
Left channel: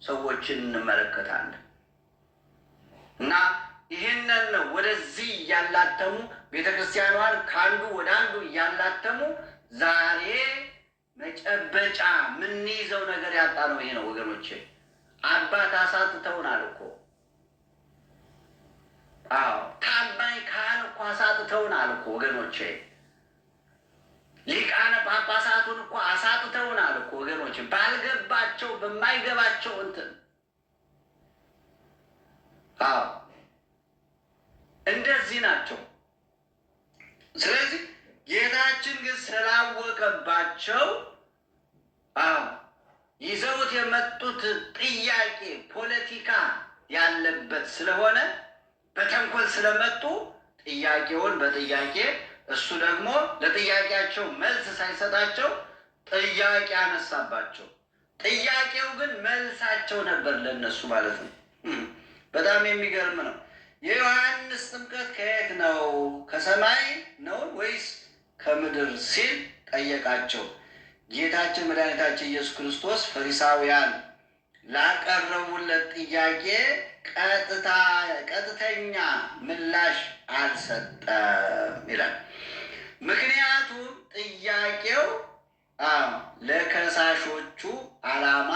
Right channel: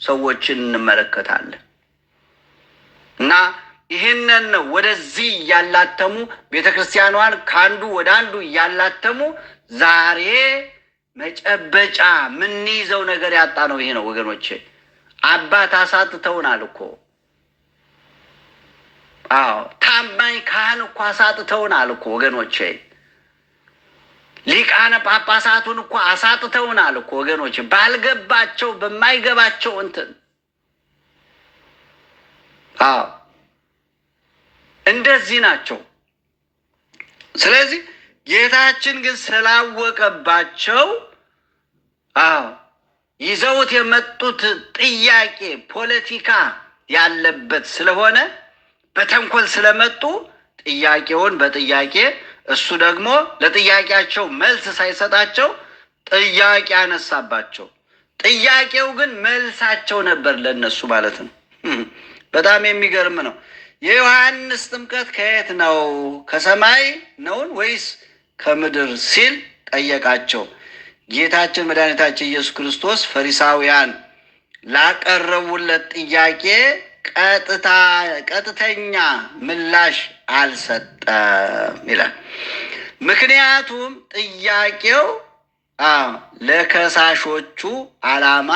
ሰዎችን እንመለከታለን። እና ይህንን ነው ወደዚህ እያላተሙ ቤተ ክርስቲያኗን ከአንዱ ወደ አንዱ እያላተሙ ዛሬ መጨበጫ ምንይዘው ነገር ያጣ ነው። ይሄ ነው ወገኖቼ። አባት አሳጥተውናል እኮ። አዎ ታማኝ ካህን እኮ አሳጥተውናል እኮ ወገኖቼ። ሊቃነ ጳጳሳቱን እኮ አሳጥተውናል እኮ ወገኖቼ። ባልገባቸው በማይገባቸው እንትን እንደዚህ ናቸው። ስለዚህ ጌታችን ግን ስላወቀባቸው ይዘውት የመጡት ጥያቄ ፖለቲካ ያለበት ስለሆነ በተንኮል ስለመጡ ጥያቄውን በጥያቄ እሱ ደግሞ ለጥያቄያቸው መልስ ሳይሰጣቸው ጥያቄ አነሳባቸው። ጥያቄው ግን መልሳቸው ነበር ለነሱ ማለት ነው። በጣም የሚገርም ነው። የዮሐንስ ጥምቀት ከየት ነው? ከሰማይ ነውን ወይስ ከምድር ሲል ጠየቃቸው። ጌታችን መድኃኒታችን ኢየሱስ ክርስቶስ ፈሪሳውያን ላቀረቡለት ጥያቄ ቀጥተኛ ምላሽ አልሰጠም ይላል። ምክንያቱም ጥያቄው ለከሳሾቹ ዓላማ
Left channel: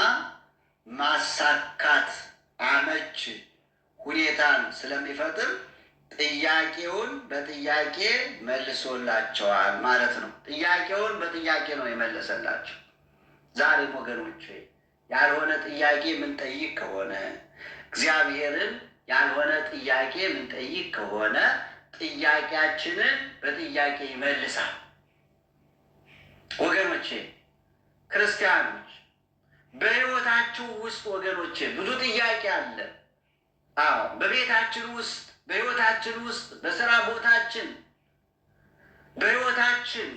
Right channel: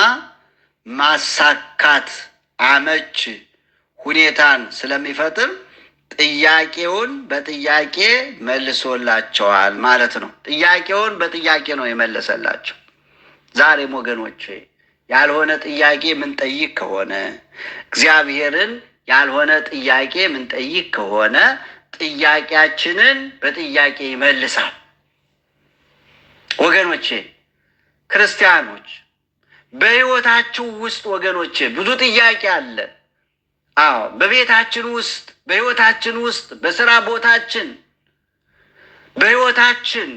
ማሳካት አመች ሁኔታን ስለሚፈጥር ጥያቄውን በጥያቄ መልሶላቸዋል ማለት ነው። ጥያቄውን በጥያቄ ነው የመለሰላቸው። ዛሬም ወገኖቼ ያልሆነ ጥያቄ ምንጠይቅ ከሆነ እግዚአብሔርን ያልሆነ ጥያቄ ምንጠይቅ ከሆነ ጥያቄያችንን በጥያቄ ይመልሳል። ወገኖቼ ክርስቲያኖች በሕይወታችሁ ውስጥ ወገኖቼ ብዙ ጥያቄ አለ። በቤታችን ውስጥ፣ በሕይወታችን ውስጥ፣ በስራ ቦታችን፣ በሕይወታችን፣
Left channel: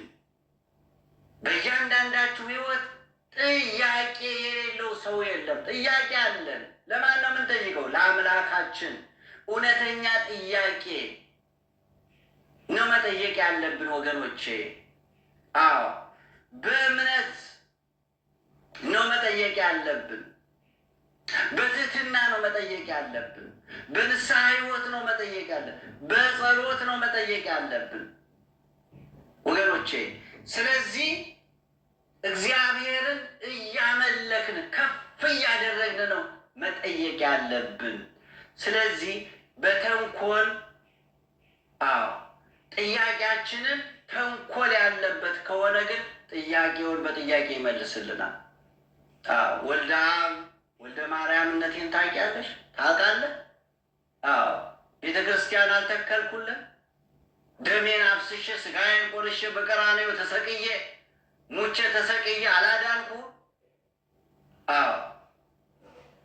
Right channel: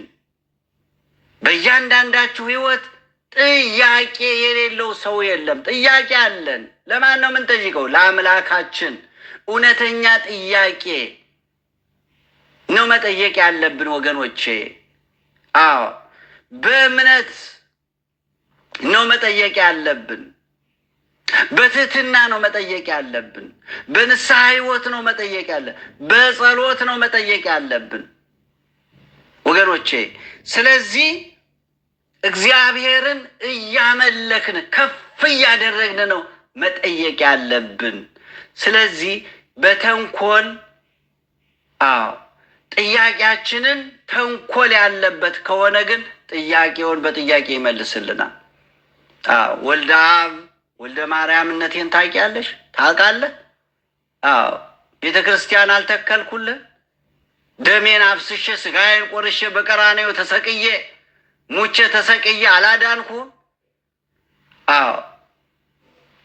በእያንዳንዳችሁ ሕይወት ጥያቄ የሌለው ሰው የለም። ጥያቄ አለን። ለማን ነው የምንጠይቀው? ለአምላካችን። እውነተኛ ጥያቄ ነው መጠየቅ ያለብን ወገኖቼ። በእምነት ነው መጠየቅ ያለብን። በትህትና ነው መጠየቅ ያለብን። በንስሐ ሕይወት ነው መጠየቅ ያለብን። በጸሎት ነው መጠየቅ ያለብን ወገኖቼ። ስለዚህ እግዚአብሔርን እያመለክን ከፍ እያደረግን ነው መጠየቅ ያለብን። ስለዚህ በተንኮል ጥያቄያችንን ተንኮል ያለበት ከሆነ ግን ጥያቄውን በጥያቄ ይመልስልናል። ወልደ አብ ወልደ ማርያምነቴን ታውቂያለሽ? ታውቃለህ? ቤተ ክርስቲያን አልተከልኩልህ? ደሜን አፍስሼ ስጋዬን ቆርሼ በቀራንዮ ተሰቅዬ ሙቼ ተሰቅዬ አላዳንኩ?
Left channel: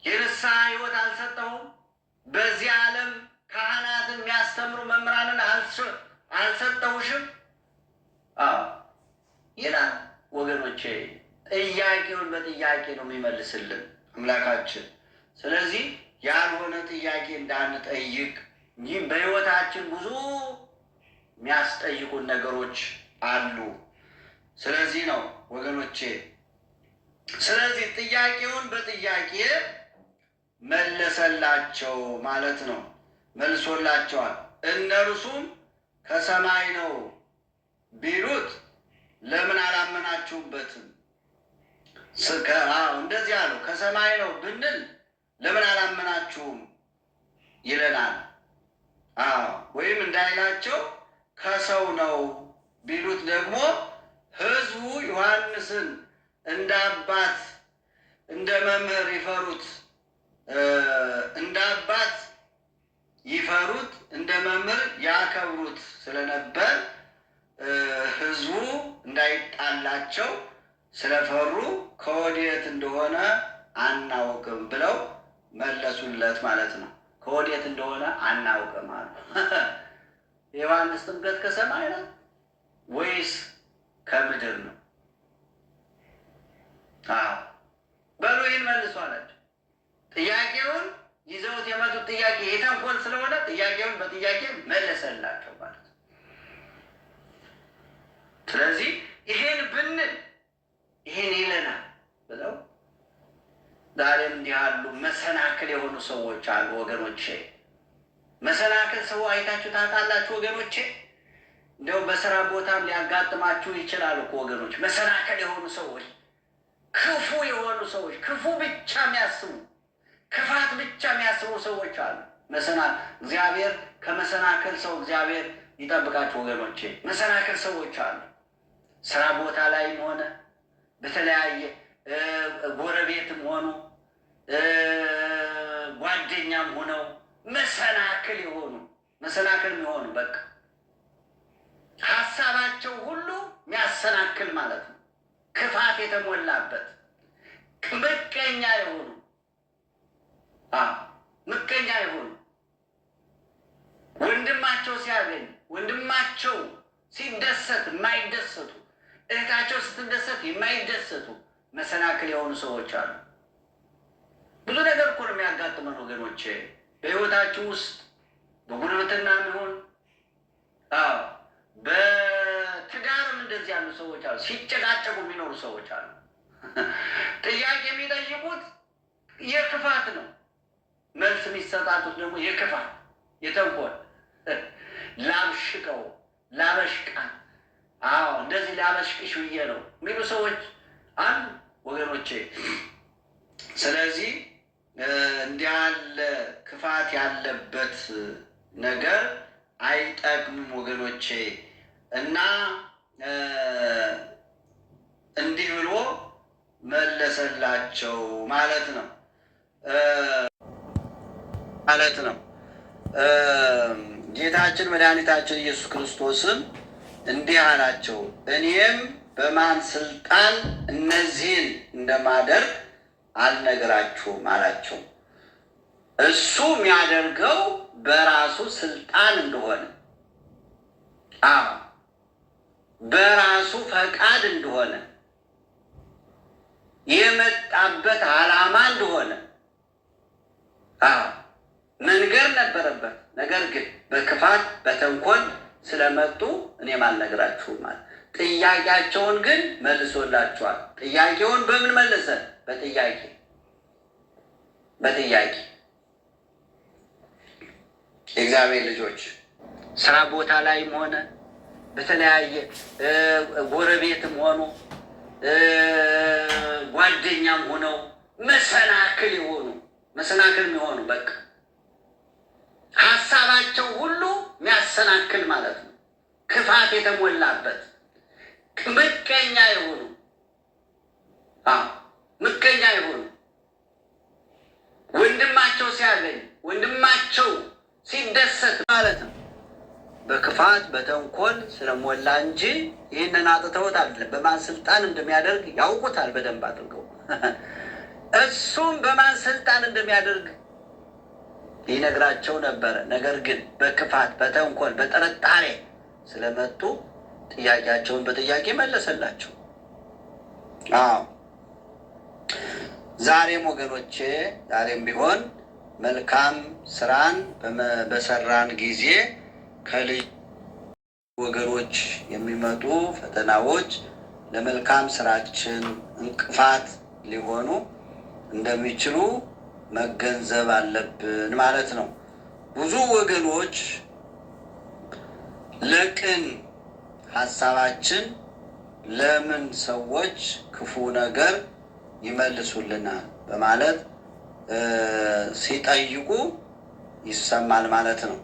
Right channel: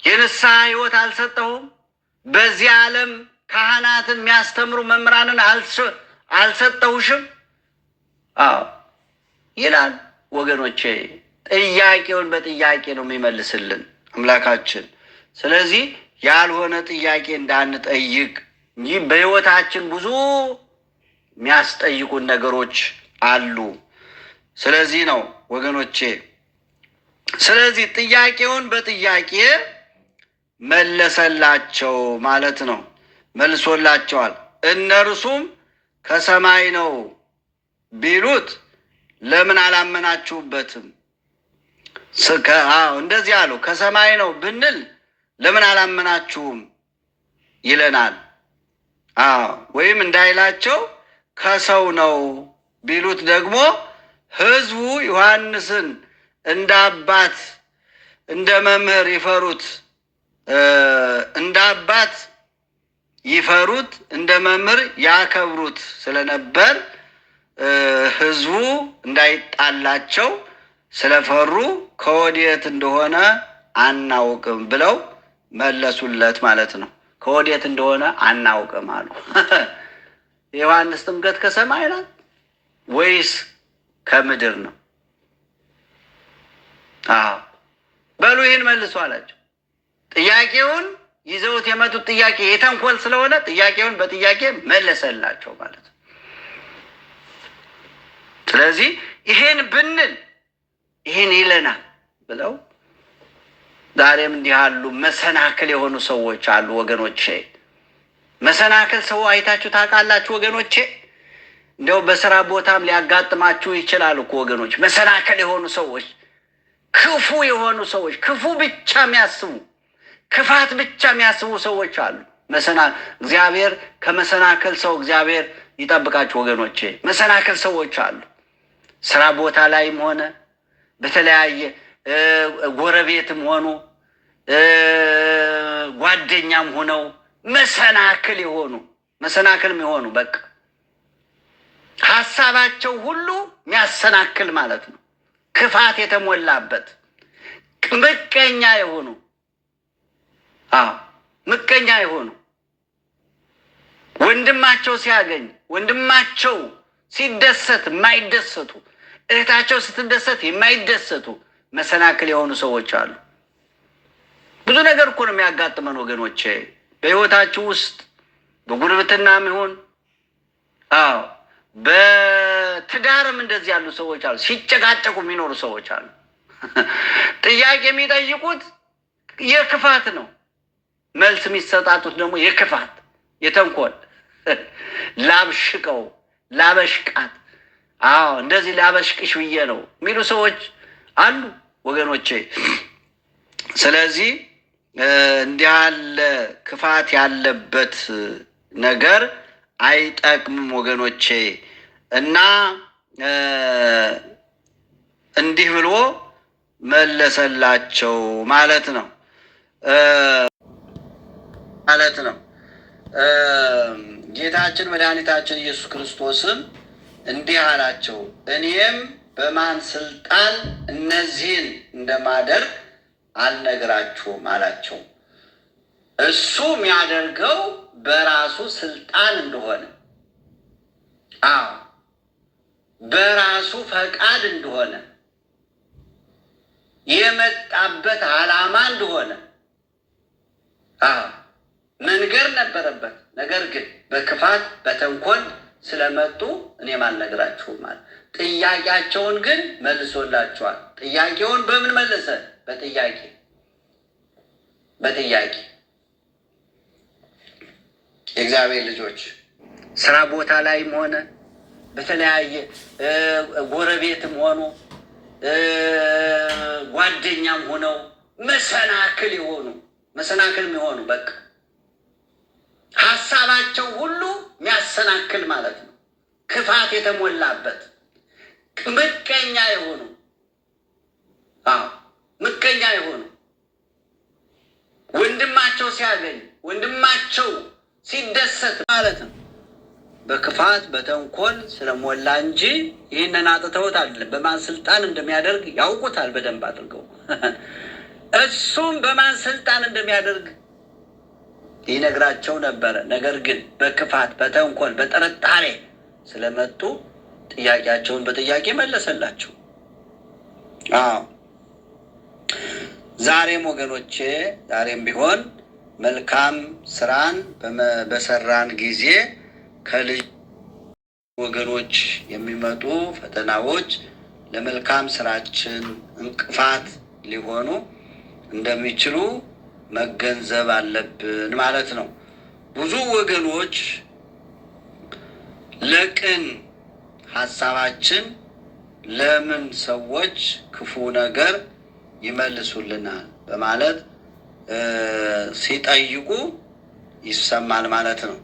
የንስሐ ሕይወት አልሰጠሁም? በዚህ ዓለም ካህናትን የሚያስተምሩ መምህራንን አልሰጠሁሽም? ይላል ወገኖቼ። ጥያቄውን በጥያቄ ነው የሚመልስልን አምላካችን። ስለዚህ ያልሆነ ጥያቄ እንዳንጠይቅ እንጂ በሕይወታችን ብዙ የሚያስጠይቁን ነገሮች አሉ። ስለዚህ ነው ወገኖቼ፣ ስለዚህ ጥያቄውን በጥያቄ መለሰላቸው ማለት ነው። መልሶላቸዋል። እነርሱም ከሰማይ ነው ቢሉት ለምን አላመናችሁበትም? እንደዚህ አሉ። ከሰማይ ነው ብንል ለምን አላመናችሁም ይለናል። ወይም እንዳይላቸው ከሰው ነው ቢሉት ደግሞ ሕዝቡ ዮሐንስን እንደ አባት እንደ መምህር ይፈሩት እንደ አባት ይፈሩት እንደ መምህር ያከብሩት ስለነበር ሕዝቡ እንዳይጣላቸው ስለፈሩ ከወዴት እንደሆነ አናውቅም ብለው መለሱለት ማለት ነው። ከወዴት እንደሆነ አናውቅም አሉ። የዮሐንስ ጥምቀት ከሰማይ ናት ወይስ ከምድር ነው? በሉ ይህን መልሱ አላቸው። ጥያቄውን ይዘውት የመጡት ጥያቄ የተንኮል ስለሆነ ጥያቄውን በጥያቄ መለሰላቸው ማለት ነው። ስለዚህ ይሄን ብንል ይሄን ይለናል ብለው ዛሬም እንዲህ አሉ መሰናክል የሆኑ ሰዎች አሉ ወገኖቼ። መሰናክል ሰው አይታችሁ ታውቃላችሁ ወገኖቼ? እንደው በስራ ቦታም ሊያጋጥማችሁ ይችላል እኮ ወገኖች። መሰናክል የሆኑ ሰዎች፣ ክፉ የሆኑ ሰዎች፣ ክፉ ብቻ የሚያስቡ ክፋት ብቻ የሚያስቡ ሰዎች አሉ። እግዚአብሔር ከመሰናክል ሰው እግዚአብሔር ይጠብቃችሁ ወገኖቼ። መሰናክል ሰዎች አሉ። ስራ ቦታ ላይም ሆነ በተለያየ ጎረቤትም ሆኑ ጓደኛም ሆነው መሰናክል የሆኑ በቃ ሀሳባቸው ሁሉ የሚያሰናክል ማለት ነው። ክፋት የተሞላበት ምቀኛ የሆኑ ወንድማቸው ሲያገኝ ወንድማቸው ሲደሰት የማይደሰቱ፣ እህታቸው ስትደሰት የማይደሰቱ መሰናክል የሆኑ ሰዎች አሉ። ብዙ ነገር እኮ ነው የሚያጋጥመን ወገኖቼ በሕይወታችሁ ውስጥ በጉርብትናም ይሁን በትዳርም እንደዚህ ያሉ ሰዎች አሉ። ሲጨቃጨቁ የሚኖሩ ሰዎች አሉ። ጥያቄ የሚጠይቁት የክፋት ነው። መልስ የሚሰጣጡት ደግሞ የክፋት የተንኮል ላብሽቀው ላበሽቃት እንደዚህ ላበሽቅሽ ብዬ ነው የሚሉ ሰዎች አሉ ወገኖቼ። ስለዚህ እንዲህ ያለ ክፋት ያለበት ነገር አይጠቅምም ወገኖቼ። እና እንዲህ ብሎ መለሰላቸው ማለት ነው። ጌታችን መድኃኒታችን ኢየሱስ ክርስቶስም እንዲህ አላቸው፣ እኔም በማን ስልጣን እነዚህን እንደማደርግ አልነግራችሁም አላቸው። እሱ የሚያደርገው በራሱ ስልጣን እንደሆነ በራሱ ፈቃድ እንደሆነ የመጣበት ዓላማ እንደሆነ መንገር ነበረበት። ነገር ግን በክፋት በተንኮል ስለመጡ እኔም አልነግራችሁም ማለት። ጥያቄያቸውን ግን መልሶላቸዋል። ጥያቄውን በምን መለሰ? በጥያቄ የእግዚአብሔር ልጆች ስራ ቦታ ላይም ሆነ በተለያየ ጎረቤትም ሆኑ ጓደኛም ሆነው መሰናክል የሚሆኑ በቃ ሀሳባቸው ሁሉ የሚያሰናክል ማለት ነው። ክፋት የተሞላበት ምቀኛ የሆኑ ወንድማቸው ሲያገኝ ወንድማቸው ሲደሰት ማለት ነው። በክፋት በተንኮል ስለሞላ እንጂ ይህንን አጥተውት አይደለም። በማን ስልጣን እንደሚያደርግ ያውቁታል በደንብ አድርገው። እሱም በማን ስልጣን እንደሚያደርግ ይነግራቸው ነበረ። ነገር ግን በክፋት በተንኮል በጥርጣሬ ስለመጡ ጥያቄያቸውን በጥያቄ መለሰላቸው። ዛሬም ወገኖቼ ዛሬም ቢሆን መልካም ስራን በሰራን ጊዜ ከልጅ ወገኖች የሚመጡ ፈተናዎች ለመልካም ስራችን እንቅፋት ሊሆኑ እንደሚችሉ መገንዘብ አለብን ማለት ነው። ብዙ ወገኖች ለቅን ሀሳባችን ለምን ሰዎች ክፉ ነገር ይመልሱልናል በማለት ሲጠይቁ ይሰማል ማለት ነው።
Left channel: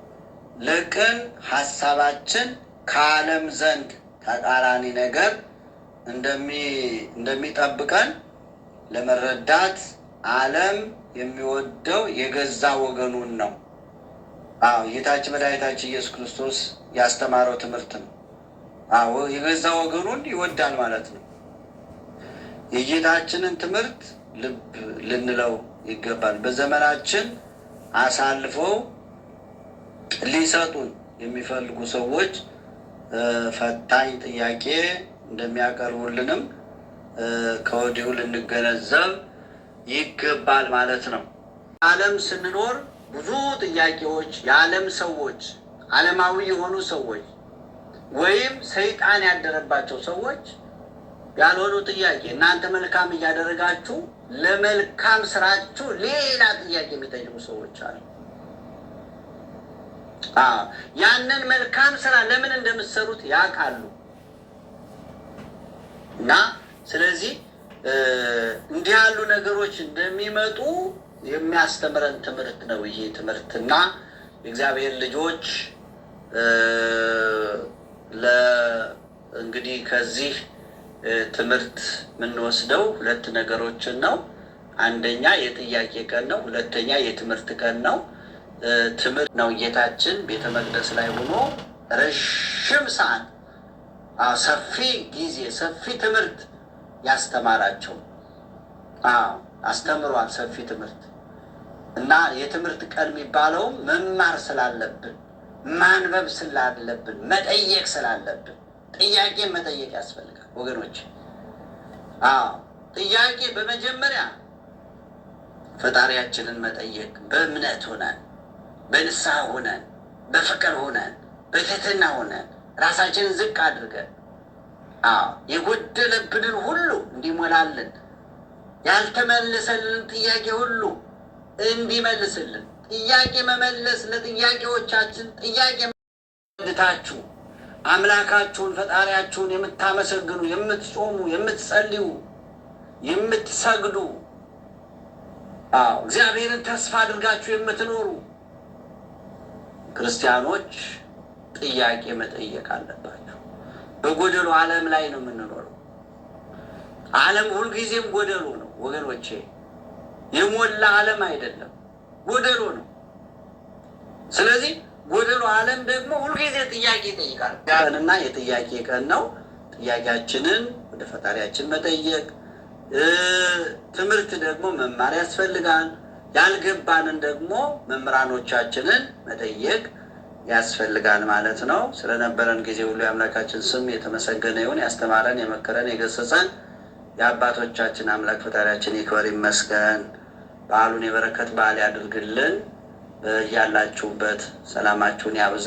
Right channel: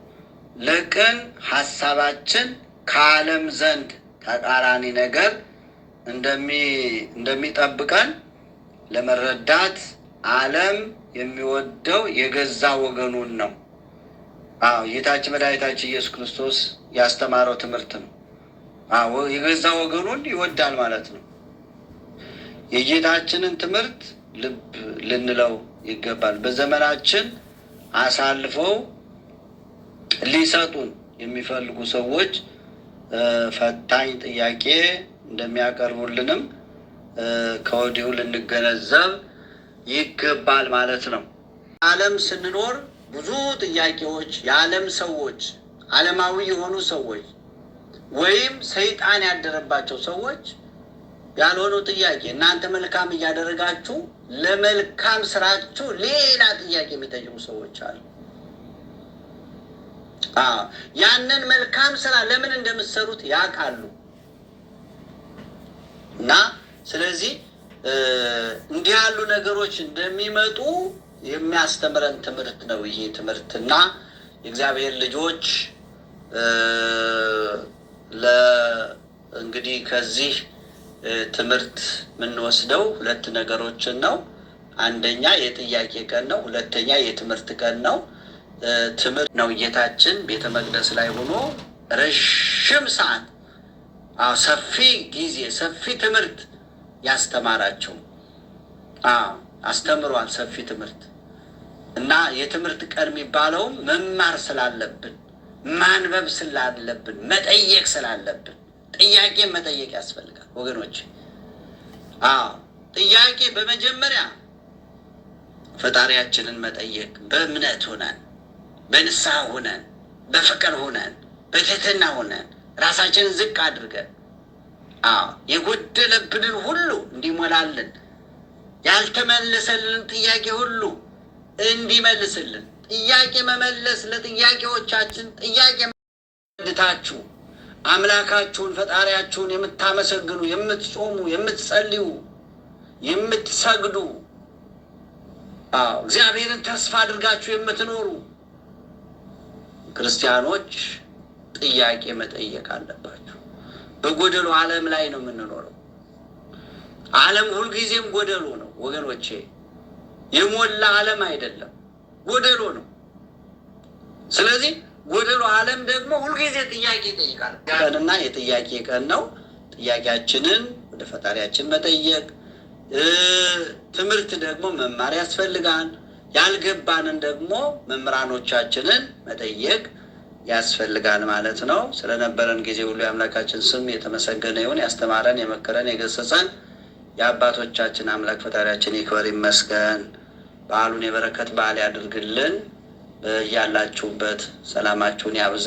ለቅን ሀሳባችን ከዓለም ዘንድ ተቃራኒ ነገር እንደሚጠብቀን ለመረዳት ዓለም የሚወደው የገዛ ወገኑን ነው። ጌታችን መድኃኒታችን ኢየሱስ ክርስቶስ ያስተማረው ትምህርት ነው። የገዛ ወገኑን ይወዳል ማለት ነው። የጌታችንን ትምህርት ልብ ልንለው ይገባል። በዘመናችን አሳልፈው ሊሰጡን የሚፈልጉ ሰዎች ፈታኝ ጥያቄ እንደሚያቀርቡልንም ከወዲሁ ልንገነዘብ ይገባል ማለት ነው። ዓለም ስንኖር ብዙ ጥያቄዎች የዓለም ሰዎች፣ ዓለማዊ የሆኑ ሰዎች ወይም ሰይጣን ያደረባቸው ሰዎች ያልሆኑ ጥያቄ እናንተ መልካም እያደረጋችሁ ለመልካም ስራችሁ ሌላ ጥያቄ የሚጠይቁ ሰዎች አሉ። ያንን መልካም ስራ ለምን እንደምትሰሩት ያውቃሉ። እና ስለዚህ እንዲህ ያሉ ነገሮች እንደሚመጡ የሚያስተምረን ትምህርት ነው ይሄ ትምህርትና የእግዚአብሔር ልጆች እንግዲህ ከዚህ ትምህርት የምንወስደው ሁለት ነገሮችን ነው። አንደኛ የጥያቄ ቀን ነው። ሁለተኛ የትምህርት ቀን ነው። ትምህርት ነው። ጌታችን ቤተ መቅደስ ላይ ሆኖ ረዥም ሰዓት ሰፊ ጊዜ ሰፊ ትምህርት ያስተማራቸው አስተምሯል። ሰፊ ትምህርት እና የትምህርት ቀን የሚባለውም መማር ስላለብን፣ ማንበብ ስላለብን፣ መጠየቅ ስላለብን ጥያቄ መጠየቅ ያስፈልጋል ወገኖች። ጥያቄ በመጀመሪያ ፈጣሪያችንን መጠየቅ በእምነት ሆነን፣ በንስሐ ሆነን፣ በፍቅር ሆነን፣ በትህትና ሆነን ራሳችንን ዝቅ አድርገን የጎደለብንን ሁሉ እንዲሞላልን፣ ያልተመለሰልን ጥያቄ ሁሉ እንዲመልስልን፣ ጥያቄ መመለስ ለጥያቄዎቻችን ጥያቄ ድታችሁ አምላካችሁን ፈጣሪያችሁን የምታመሰግኑ፣ የምትጾሙ፣ የምትጸልዩ፣ የምትሰግዱ እግዚአብሔርን ተስፋ አድርጋችሁ የምትኖሩ ክርስቲያኖች ጥያቄ መጠየቅ አለባችሁ። በጎደሎ ዓለም ላይ ነው የምንኖረው። ዓለም ሁልጊዜም ጎደሎ ነው ወገኖቼ። የሞላ ዓለም አይደለም፣ ጎደሎ ነው። ስለዚህ ጎደሎ ዓለም ደግሞ ሁልጊዜ ጥያቄ ይጠይቃል። ቀንና የጥያቄ ቀን ነው። ጥያቄያችንን ወደ ፈጣሪያችን መጠየቅ፣ ትምህርት ደግሞ መማር ያስፈልጋል። ያልገባንን ደግሞ መምህራኖቻችንን መጠየቅ ያስፈልጋል ማለት ነው። ስለነበረን ጊዜ ሁሉ የአምላካችን ስም የተመሰገነ ይሁን። ያስተማረን፣ የመከረን፣ የገሰጸን የአባቶቻችን አምላክ ፈጣሪያችን ይክበር ይመስገን። በዓሉን የበረከት በዓል ያድርግልን። ያላችሁበት ሰላማችሁን ያብዛ።